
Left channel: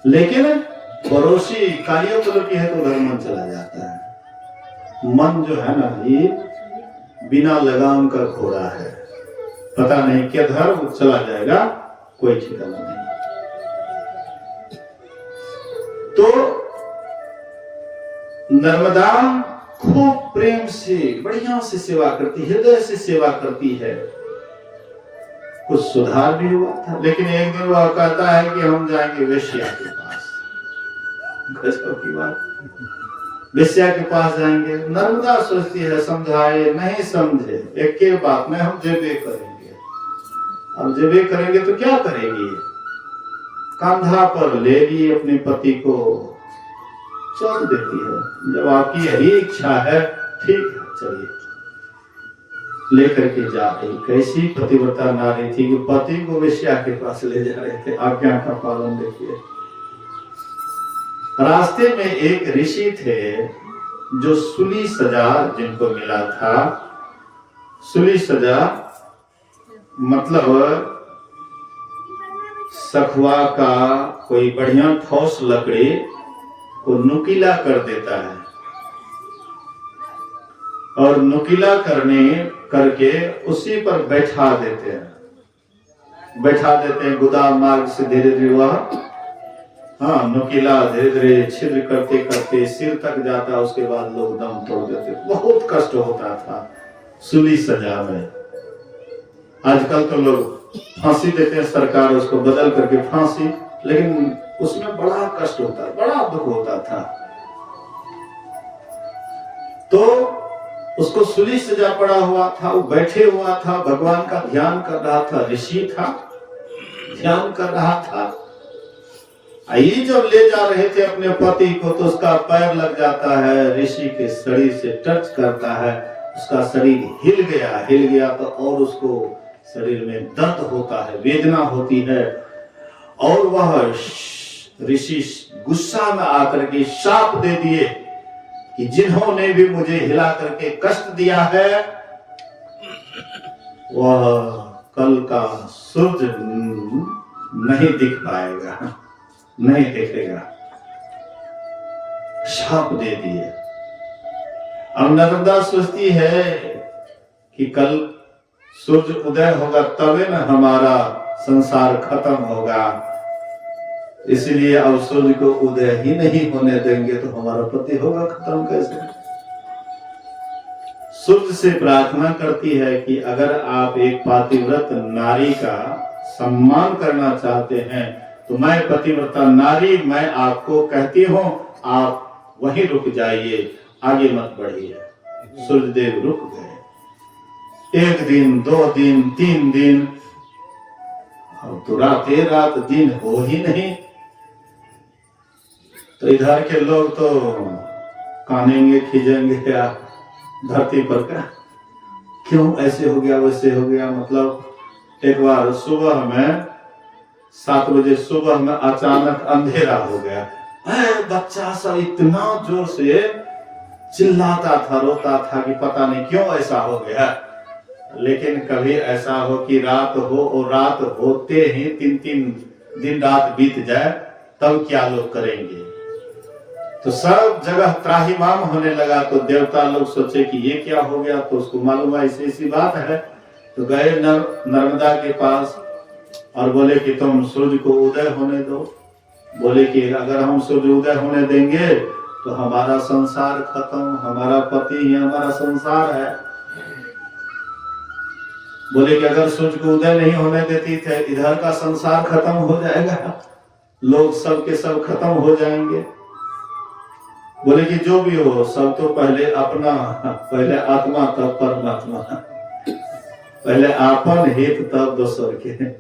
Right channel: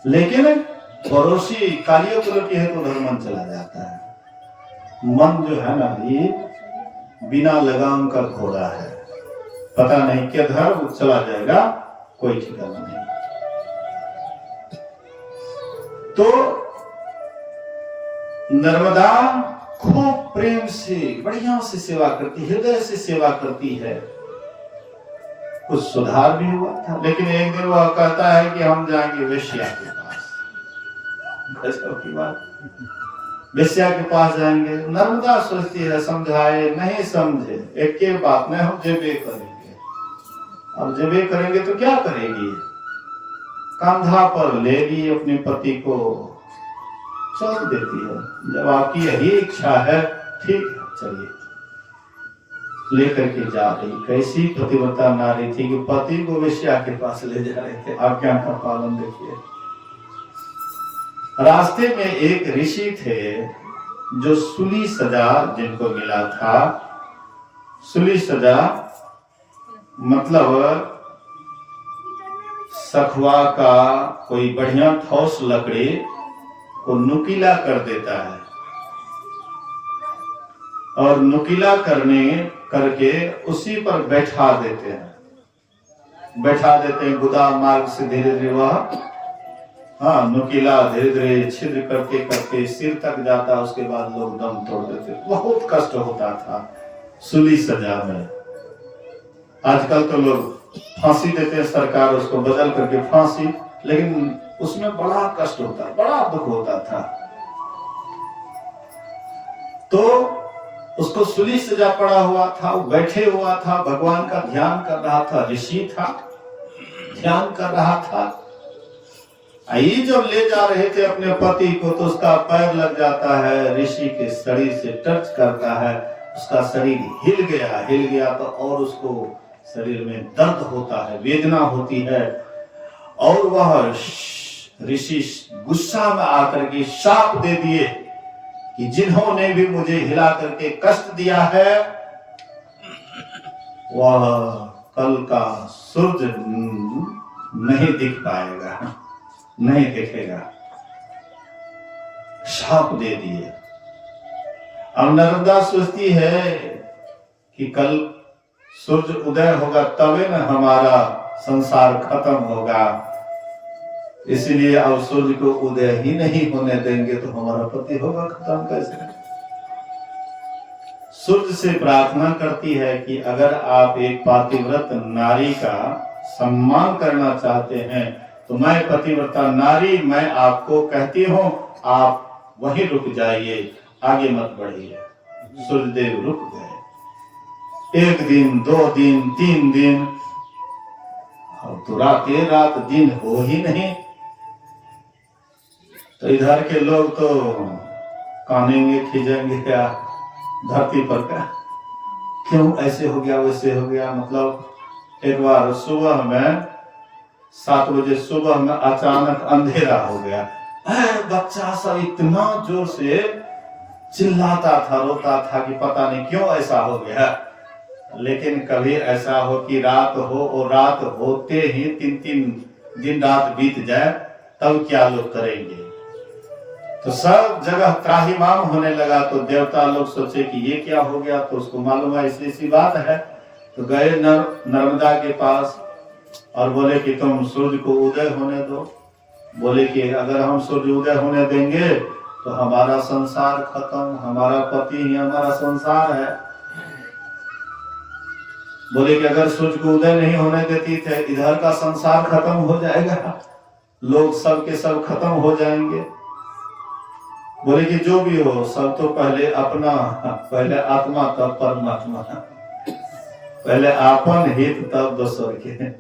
लेकिन पड़ोसी कालियो कलर की है तो उधर मन चला जाता है। मन जो है ना, ये बिना लगाम का घोड़ा है, पता नहीं किधर चला जाएगा, कोई ठिकाना नहीं। तो नर्मदा खूब प्रेम से बढ़िया से सेवा करती, हृदय से सेवा करती है। कुछ सुधार भी हुआ था, लेकिन एक दिन वह कहता है कि हम जाएंगे वेश्या के पास। गजब की बात, वेश्या के पास जाएंगे। नर्मदा सोचती है समझाए नहीं समझे, एक के बात में हम जेबे करेंगे। अब जेबे करेंगे तो क्या करेंगे, कंधा पर ले ली अपने पति को, चल देती है। जब आपकी यही इच्छा है, ठीक है चलिए, लेकर के जा रही। कैसी पतिव्रता नारी थी कि पति को वेश्या के पास ले जा रहे थे। आज्ञा का पालन देखिए। रास्ते में एक ऋषि थे जो सूली सजा जिनको मिला था। सूली सजा मतलब सखुआ का कोई बढ़िया ठोस लकड़ी को नुकीला कर देता है, और नुकीला करके उसी पर बैठा देते हैं। गोदाम मार्ग से धीरे धीरे वह, हाँ, नुकीला धीरे धीरे छिद्र करते करते सिर तक जाता, उसके बाद लोग दम तोड़ देते। बहुत कष्ट होता था सूली सजा में। आजकल तो लोग फांसी देते हैं, सरकार उसको बदल करके फांसी, लेकिन उसमें बड़ा कष्ट होता, बड़ा दुख होता था। तो उसको सूली सजा पड़ा हुआ था, वो बैठे हुआ था, भगवान का ध्यान कर रहा था। ऋषि था, ध्यान कर रहा था। ये जब ले जा रहे थे अपने पति को, तो उसका पैर लग जाता है, ऋषि के शरीर से टच करता है, उसका शरीर हिल गया तो और उसको शरीर में दर्द होता है, वेदना होती है। और वह ऋषि गुस्सा में आकर के शाप दे दिए कि जिन्होंने भी मुझे हिला करके कष्ट दिया है, वह कल का सूरज नहीं दिख पाएगा, नहीं दिखेगा। शाप दे दिए। अब नर्मदा सोचती है कि कल सूरज उदय होगा तभी न हमारा संसार खत्म होगा, इसलिए अब सूर्य को उदय ही नहीं होने देंगे तो हमारा पति होगा खत्म कैसे। सूर्य से प्रार्थना करती है कि अगर आप एक पातिव्रत नारी का सम्मान करना चाहते हैं तो मैं पतिव्रता नारी, मैं आपको कहती हूं आप वहीं रुक जाइए, आगे मत बढ़िए। सूर्यदेव रुक गए। 1 दिन, 2 दिन, 3 दिन, अब तो रात दिन हो ही नहीं। तो इधर के लोग तो कानेंगे, खींचेंगे क्या धरती पर का, क्यों ऐसे हो गया वैसे हो गया। मतलब एक बार सुबह में 7 बजे सुबह में अचानक अंधेरा हो गया। बच्चा सब इतना जोर से चिल्लाता था, रोता था कि पता नहीं क्यों ऐसा हो गया। लेकिन कभी ऐसा हो कि रात हो और रात होते ही 3 दिन रात बीत जाए, तब क्या लोग करेंगे। तो सब जगह त्राहिमाम होने लगा। तो देवता लोग सोचे कि ये क्या हो गया। तो उसको मालूम है ऐसी बात है। तो गए नर्मदा के पास और बोले कि तुम सूर्य को उदय होने दो। बोले कि अगर हम सूर्य उदय होने देंगे तो हमारा संसार खत्म, हमारा पति ही हमारा संसार है। बोले कि अगर सूर्य को उदय नहीं होने देती थे इधर का संसार खत्म हो जाएगा, लोग सब के सब खत्म हो जाएंगे। बोले कि जो भी हो, सब तो पहले अपना, पहले आत्मा तब परमात्मा, पहले आपन हित तब दोसर के हैं।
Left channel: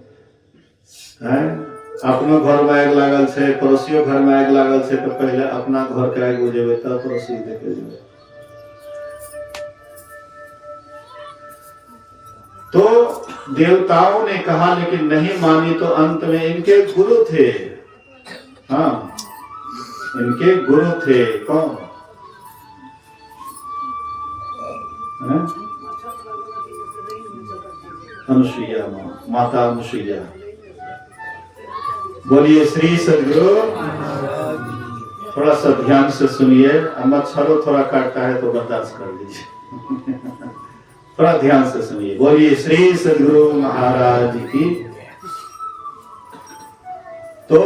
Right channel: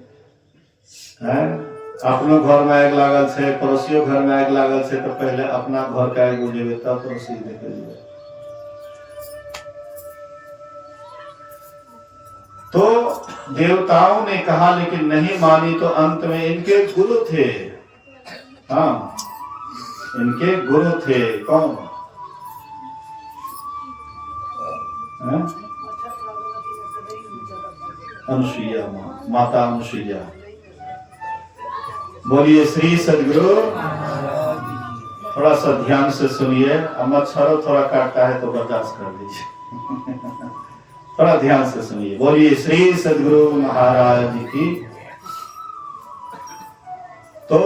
अपनो घर में आग लागल छे, पड़ोसियों घर में आग लागल छे, तो पहले अपना घर का आग बुझेबे तब पड़ोसी देखे जेबे। तो देवताओं ने कहा लेकिन नहीं मानी। तो अंत में इनके गुरु थे, हाँ इनके गुरु थे। कौन है? अनुसुईया, माता अनुसुईया। बोलिए श्री सद्गुरु। थोड़ा सा ध्यान से सुनिए। मच्छरों थोड़ा काटता है तो बर्दाश्त कर लीजिए। थोड़ा ध्यान से सुनिए। बोलिए श्री सद्गुरु महाराज की। तो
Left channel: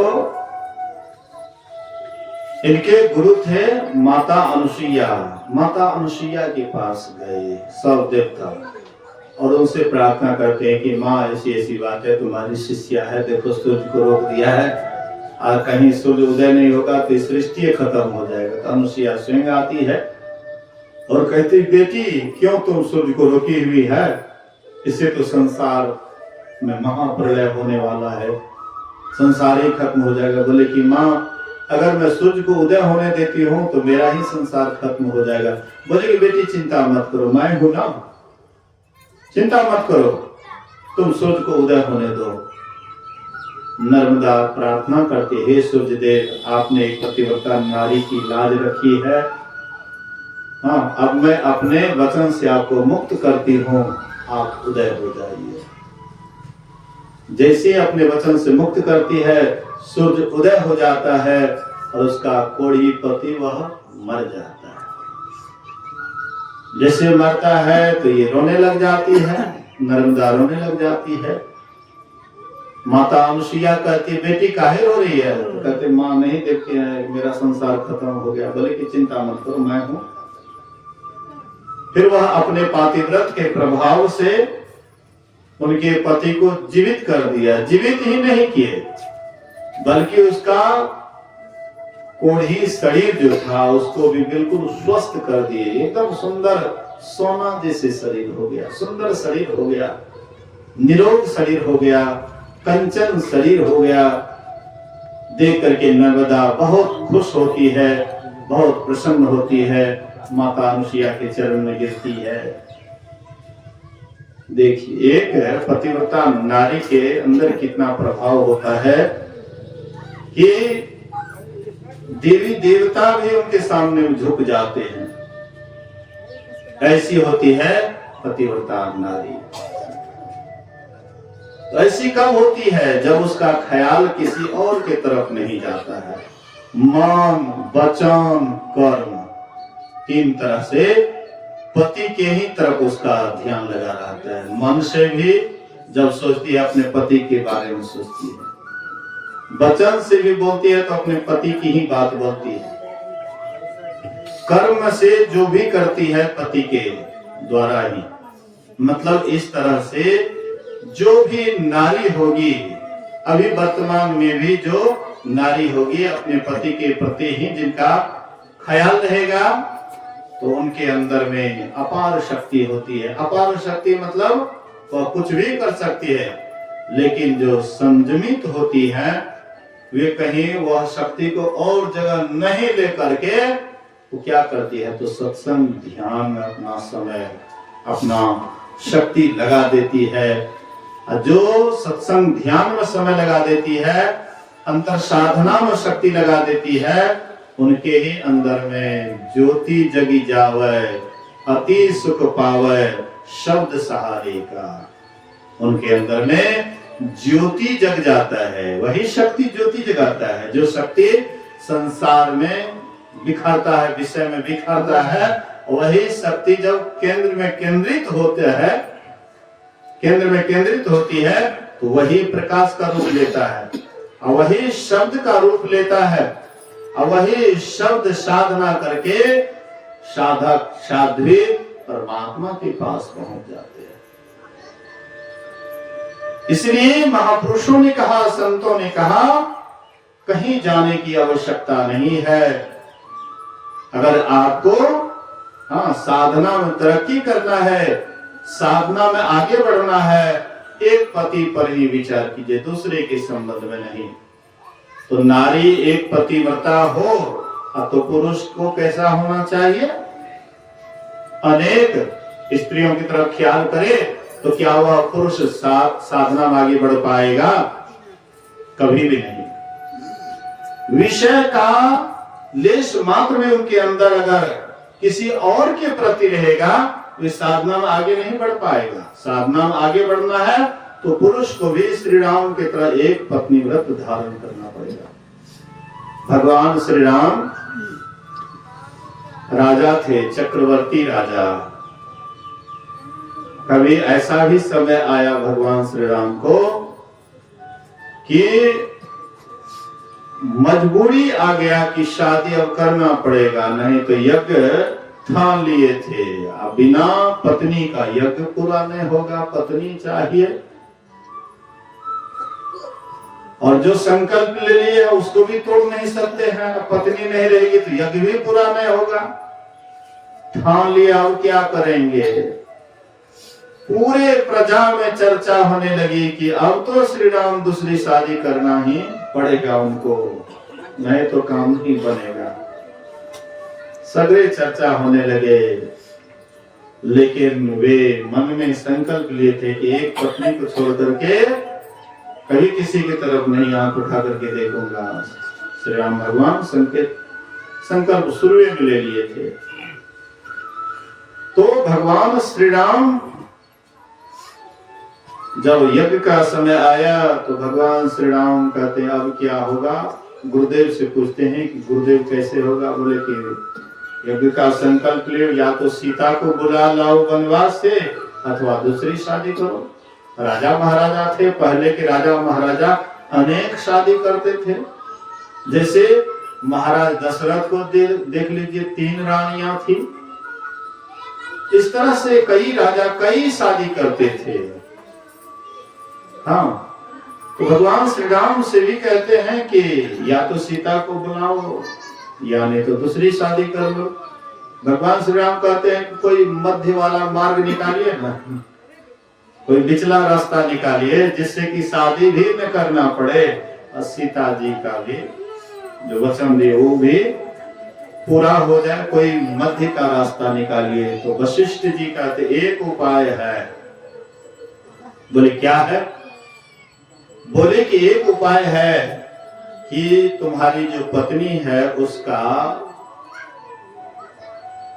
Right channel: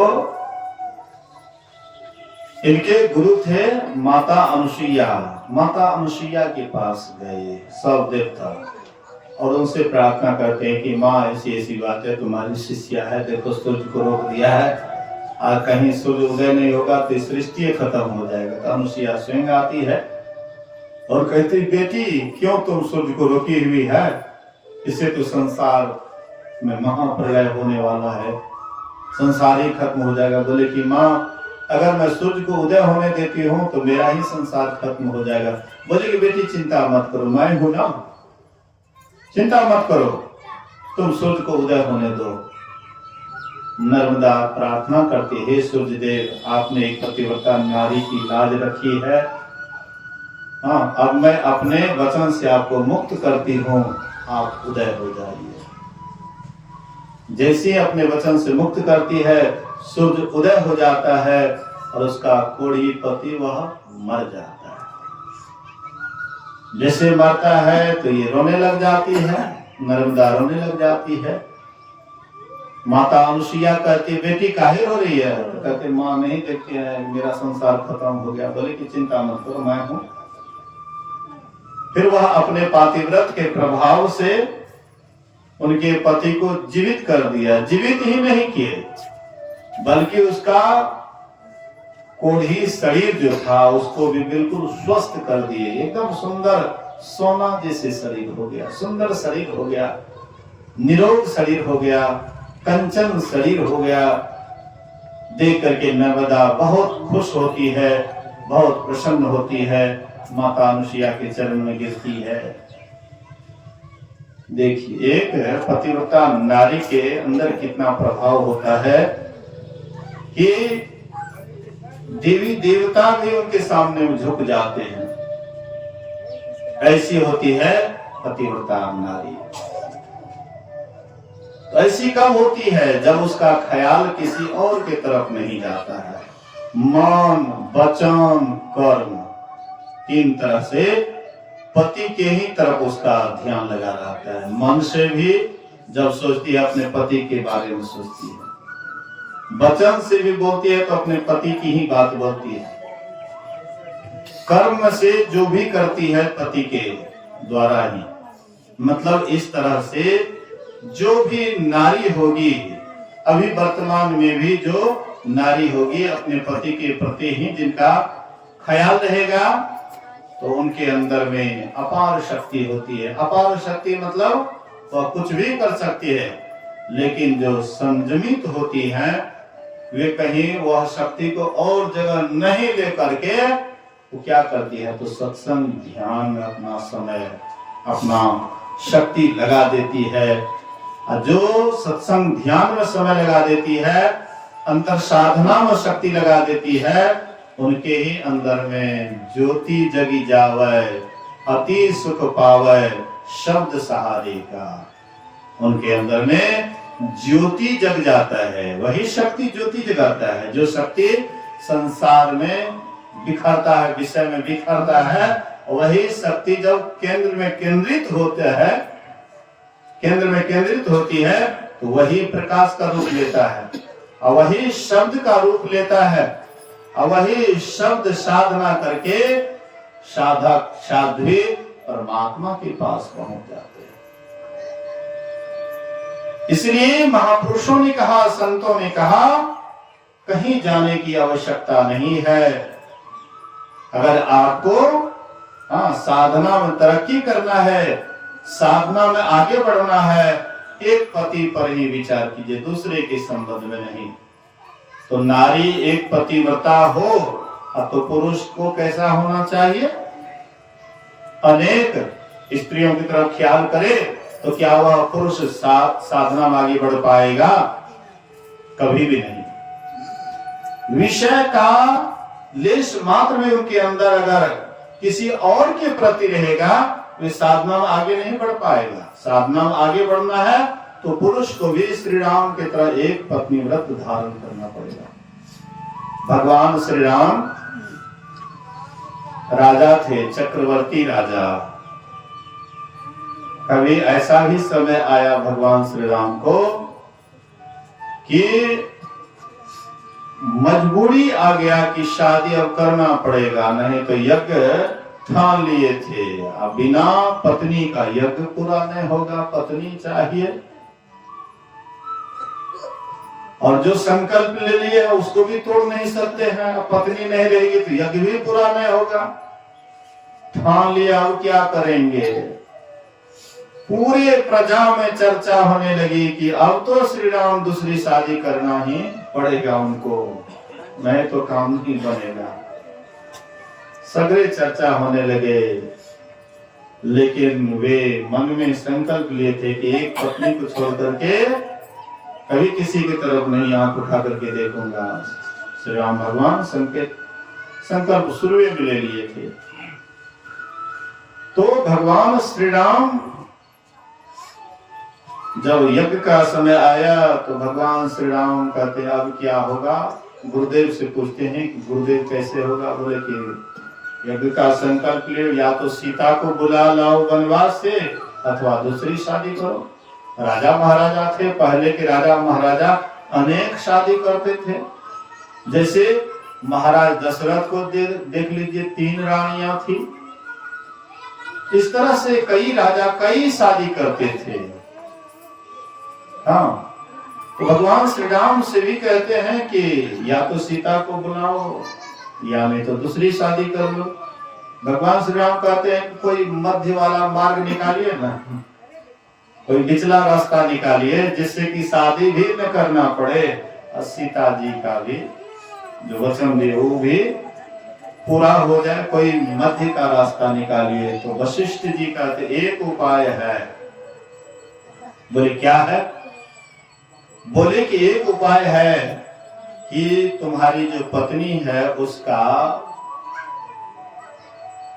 इनके गुरु थे माता अनुसुईया। माता अनुसुईया के पास गए सब देवता और उनसे प्रार्थना करते हैं कि माँ ऐसी ऐसी बात है, तुम्हारी शिष्या है, देखो सूर्य को रोक दिया है और कहीं सूर्य उदय नहीं होगा तो सृष्टि खत्म हो जाएगा। तो अनुसुईया स्वयं आती है और कहती बेटी क्यों तुम सूर्य को रोकी हुई है, इससे तो संसार में महाप्रलय होने वाला है, संसार ही खत्म हो जाएगा। बोले कि माँ अगर मैं सूर्य को उदय होने देती हूँ तो मेरा ही संसार खत्म हो जाएगा। बोले कि बेटी चिंता मत करो, मैं हूं ना, चिंता मत करो, तुम सूर्य को उदय होने दो। नर्मदा प्रार्थना करती, हे सूर्य देव आपने एक पतिव्रता नारी की लाज रखी है, हाँ अब मैं अपने वचन से आपको मुक्त करती हूँ, आप उदय हो जाइए। जैसे अपने वचन से मुक्त करती है सूर्य उदय हो जाता है और उसका कोढ़ी पति वह मर जाता है। जैसे मरता है तो ये रोने लग जाती है, नर्मदा रोने लग जाती है। माता अनुसुईया कहती बेटी काहे रो रही है। तो कहते माँ नहीं देखते हैं मेरा संसार खत्म हो गया। बोले कि चिंता मत करो, मैं हूं। फिर वह अपने पातिव्रत के प्रभाव से उनके पति को जीवित कर दिया। जीवित ही नहीं किए बल्कि उसका कोढ़ी शरीर जो था उसको भी बिल्कुल स्वस्थ कर दिए। एकदम सुंदर सोना जैसे शरीर हो गया, सुंदर शरीर हो गया, निरोग शरीर हो गया, कंचन शरीर हो गया। देख करके नर्मदा बहुत खुश होती है, बहुत प्रसन्न होती है, माता अनुसुईया के चरण में गिरती है। देखिए एक पतिव्रता नारी के अंदर कितना प्रभाव होता है कि देवी देवता भी उनके सामने झुक जाते हैं। ऐसी होती है पतिव्रता नारी। तो ऐसी कब होती है जब उसका ख्याल किसी और के तरफ नहीं जाता है। मन, वचन, कर्म, 3 तरह से पति के ही तरफ उसका ध्यान लगा रहता है। मन से भी जब सोचती है अपने पति के बारे में सोचती है, वचन से भी बोलती है तो अपने पति की ही बात बोलती है, कर्म से जो भी करती है पति के द्वारा ही, मतलब इस तरह से जो भी नारी होगी, अभी वर्तमान में भी जो नारी होगी अपने पति के प्रति ही जिनका ख्याल रहेगा, तो उनके अंदर में अपार शक्ति होती है। अपार शक्ति मतलब वह कुछ भी कर सकती है, लेकिन जो संयमित होती है वे कहीं वह शक्ति को और जगह नहीं लेकर के वो क्या करती है, तो सत्संग ध्यान में अपना समय, अपना शक्ति लगा देती है। जो सत्संग ध्यान में समय लगा देती है, अंतर साधना में शक्ति लगा देती है, उनके ही अंदर में ज्योति जगी जावे, अति सुख पावे शब्द सहारे का। उनके अंदर में ज्योति जग जाता है, वही शक्ति ज्योति जगाता है। जो शक्ति संसार में बिखरता है, विषय में बिखरता है, वही शक्ति जब केंद्र में केंद्रित होता है, केंद्र में केंद्रित होती है, तो वही प्रकाश का रूप लेता है और वही शब्द का रूप लेता है और वही शब्द साधना करके साधक साध्वी परमात्मा के पास पहुंच जाते हैं। इसलिए महापुरुषों ने कहा, संतों ने कहा, कहीं जाने की आवश्यकता नहीं है। अगर आपको साधना में तरक्की करना है, साधना में आगे बढ़ना है, एक पति पर ही विचार कीजिए, दूसरे के संबंध में नहीं। तो नारी एक पतिव्रता हो तो पुरुष को कैसा होना चाहिए, अनेक स्त्रियों की तरफ ख्याल करे, तो क्या वह पुरुष साधना में आगे बढ़ पाएगा? कभी भी नहीं। विषय का लेश मात्र में उनके अंदर अगर किसी और के प्रति रहेगा, वे साधना में आगे नहीं बढ़ पाएगा। साधना में आगे बढ़ना है तो पुरुष को भी श्री राम की तरह एक पत्नी व्रत धारण करना पड़ेगा। भगवान श्री राम राजा थे, चक्रवर्ती राजा। कभी ऐसा भी समय आया भगवान श्री राम को कि मजबूरी आ गया कि शादी अब करना पड़ेगा, नहीं तो यज्ञ ठान लिए थे, अब बिना पत्नी का यज्ञ पूरा नहीं होगा, पत्नी चाहिए। और जो संकल्प ले लिए उसको भी तोड़ नहीं सकते हैं, पत्नी नहीं रहेगी तो यज्ञ भी पूरा नहीं होगा। ठान लिया, अब क्या करेंगे? पूरे प्रजा में चर्चा होने लगी कि अब तो श्री राम दूसरी शादी करना ही पड़ेगा उनको, नहीं तो काम नहीं बनेगा। सगरे चर्चा होने लगे, लेकिन वे मन में संकल्प लिए थे कि एक पत्नी को छोड़ करके कभी किसी की तरफ नहीं आंख उठा करके देखूंगा। श्री राम भगवान संकल्प शुरू में ले लिए थे। तो भगवान श्री राम जब यज्ञ का समय आया तो भगवान श्री राम कहते हैं अब क्या होगा? गुरुदेव से पूछते हैं कि गुरुदेव कैसे होगा? बोले कि यज्ञ का संकल्प ले, या तो सीता को बुला लाओ वनवास से अथवा दूसरी शादी करो। राजा महाराजा थे, पहले के राजा महाराजा अनेक शादी करते थे। जैसे महाराज दशरथ को देख लीजिए, 3 रानियां थी। इस तरह से कई राजा कई शादी करते थे। हाँ, तो भगवान श्री राम से भी कहते हैं कि या तो सीता को बुलाओ या नहीं तो दूसरी शादी कर लो। भगवान श्री राम कहते हैं कोई मध्य वाला मार्ग निकालिए ना, कोई पिछला रास्ता निकालिए जिससे कि शादी भी न करना पड़े और सीता जी का भी जो वचन दिए वो भी पूरा हो जाए। कोई मध्य का रास्ता निकालिए। तो वशिष्ठ जी कहते एक उपाय है। बोले क्या है? बोले कि एक उपाय है कि तुम्हारी जो पत्नी है उसका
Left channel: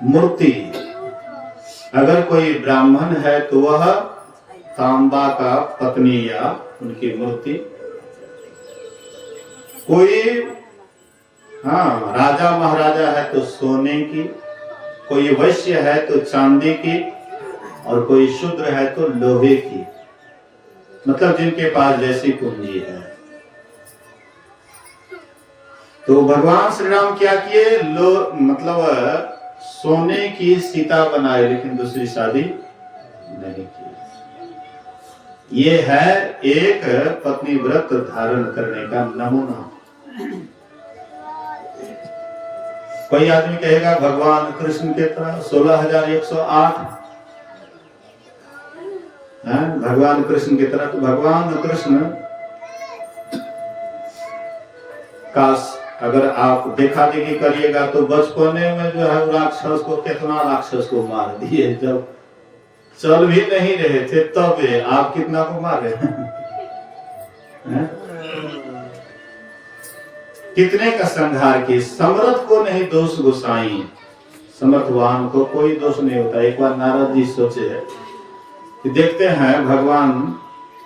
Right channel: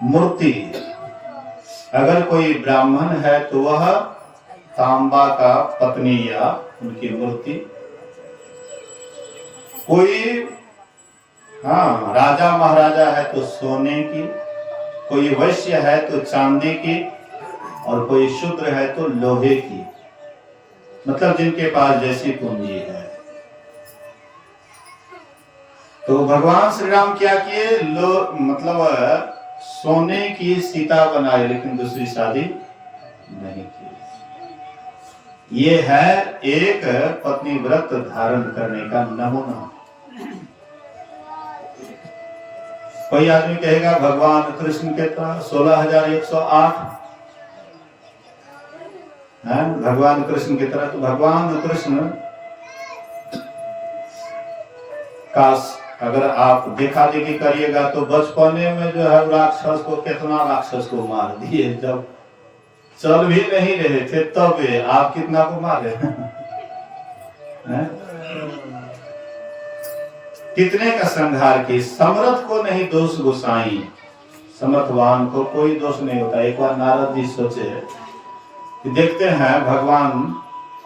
मूर्ति, अगर कोई ब्राह्मण है तो वह तांबा का पत्नी या उनकी मूर्ति, कोई राजा महाराजा है तो सोने की, कोई वैश्य है तो चांदी की, और कोई शूद्र है तो लोहे की। मतलब जिनके पास जैसी पूंजी है। तो भगवान श्री राम क्या किए? मतलब सोने की सीता बनाए लेकिन दूसरी शादी नहीं की। ये है एक पत्नी व्रत धारण करने का नमूना। कोई आदमी कहेगा भगवान कृष्ण के तरह 16,108 है भगवान कृष्ण की तरह, तो भगवान कृष्ण का अगर आप देखा देखी करिएगा तो बचपने में जो है राक्षस को, कितना राक्षस को मार दिए, जब चल भी नहीं रहे थे तब आप कितना को मारे हैं? कितने का संहार किए। समर्थ को नहीं दोष गोसाई, समर्थवान को कोई दोष नहीं होता। एक बार नारद जी सोचे कि देखते हैं भगवान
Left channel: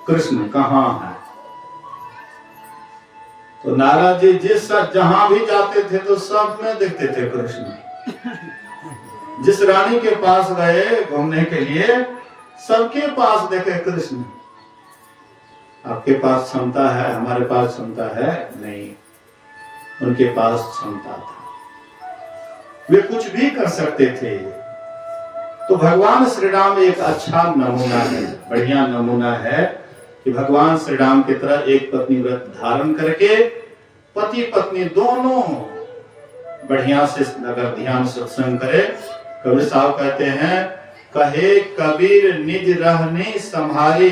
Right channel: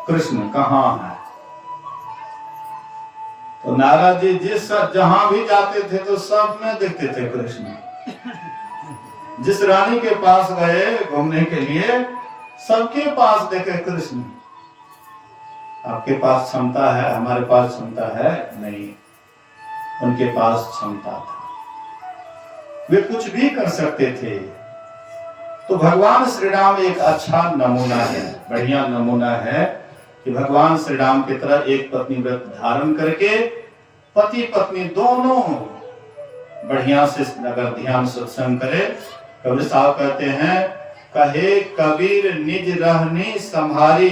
कृष्ण कहाँ है। तो नारद जी जिस जहां भी जाते थे तो सब में देखते थे कृष्ण। जिस रानी के पास गए घूमने के लिए सबके पास देखे कृष्ण। आपके पास क्षमता है, हमारे पास क्षमता है नहीं, उनके पास क्षमता था, वे कुछ भी कर सकते थे। तो भगवान श्री राम एक अच्छा नमूना है, बढ़िया नमूना है कि भगवान श्री राम की तरह एक पत्नी व्रत धारण करके पति पत्नी दोनों बढ़िया से अगर ध्यान सत्संग करे। कबीर साहब कहते हैं, कहे कबीर निज रहनी संहारी,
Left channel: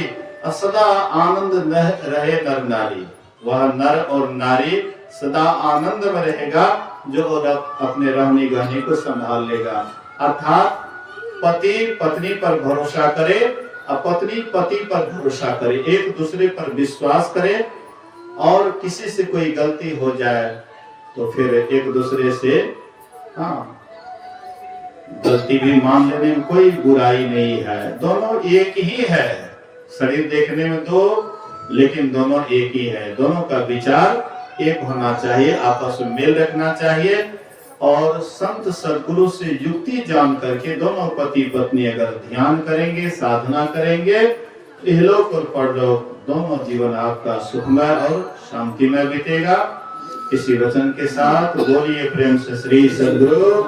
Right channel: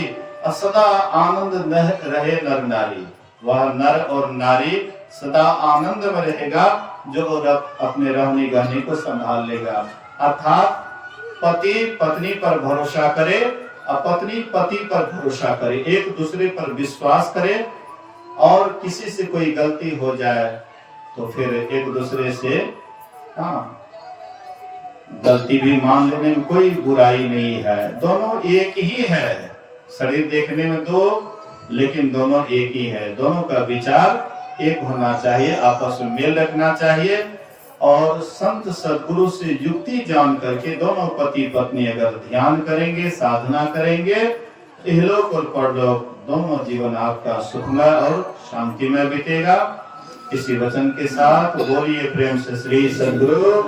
सदा आनंद रहे नर नारी। वह नर और नारी सदा आनंद में रहेगा जो अपने रहनी गहनी को संभाल लेगा। अर्थात पति पत्नी पर भरोसा करे और पत्नी पति पर भरोसा करे, एक दूसरे पर विश्वास करे, और किसी से कोई गलती हो जाए तो फिर एक दूसरे से गलती भी मान लेने में कोई बुराई नहीं है। दोनों एक ही है, शरीर देखने में दो लेकिन दोनों एक ही है। दोनों का विचार एक होना चाहिए, आपस में मेल रखना चाहिए। और संत सदगुरु से युक्ति जान करके दोनों पति पत्नी अगर ध्यान करेंगे, साधना करेंगे, इहलोक और परलोक दोनों जीवन आपका सुखमय और शांतिमय बीतेगा। इसी वचन के साथ बोलिए प्रेम से श्री सदगुरु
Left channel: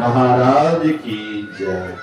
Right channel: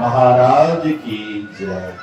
महाराज की जय।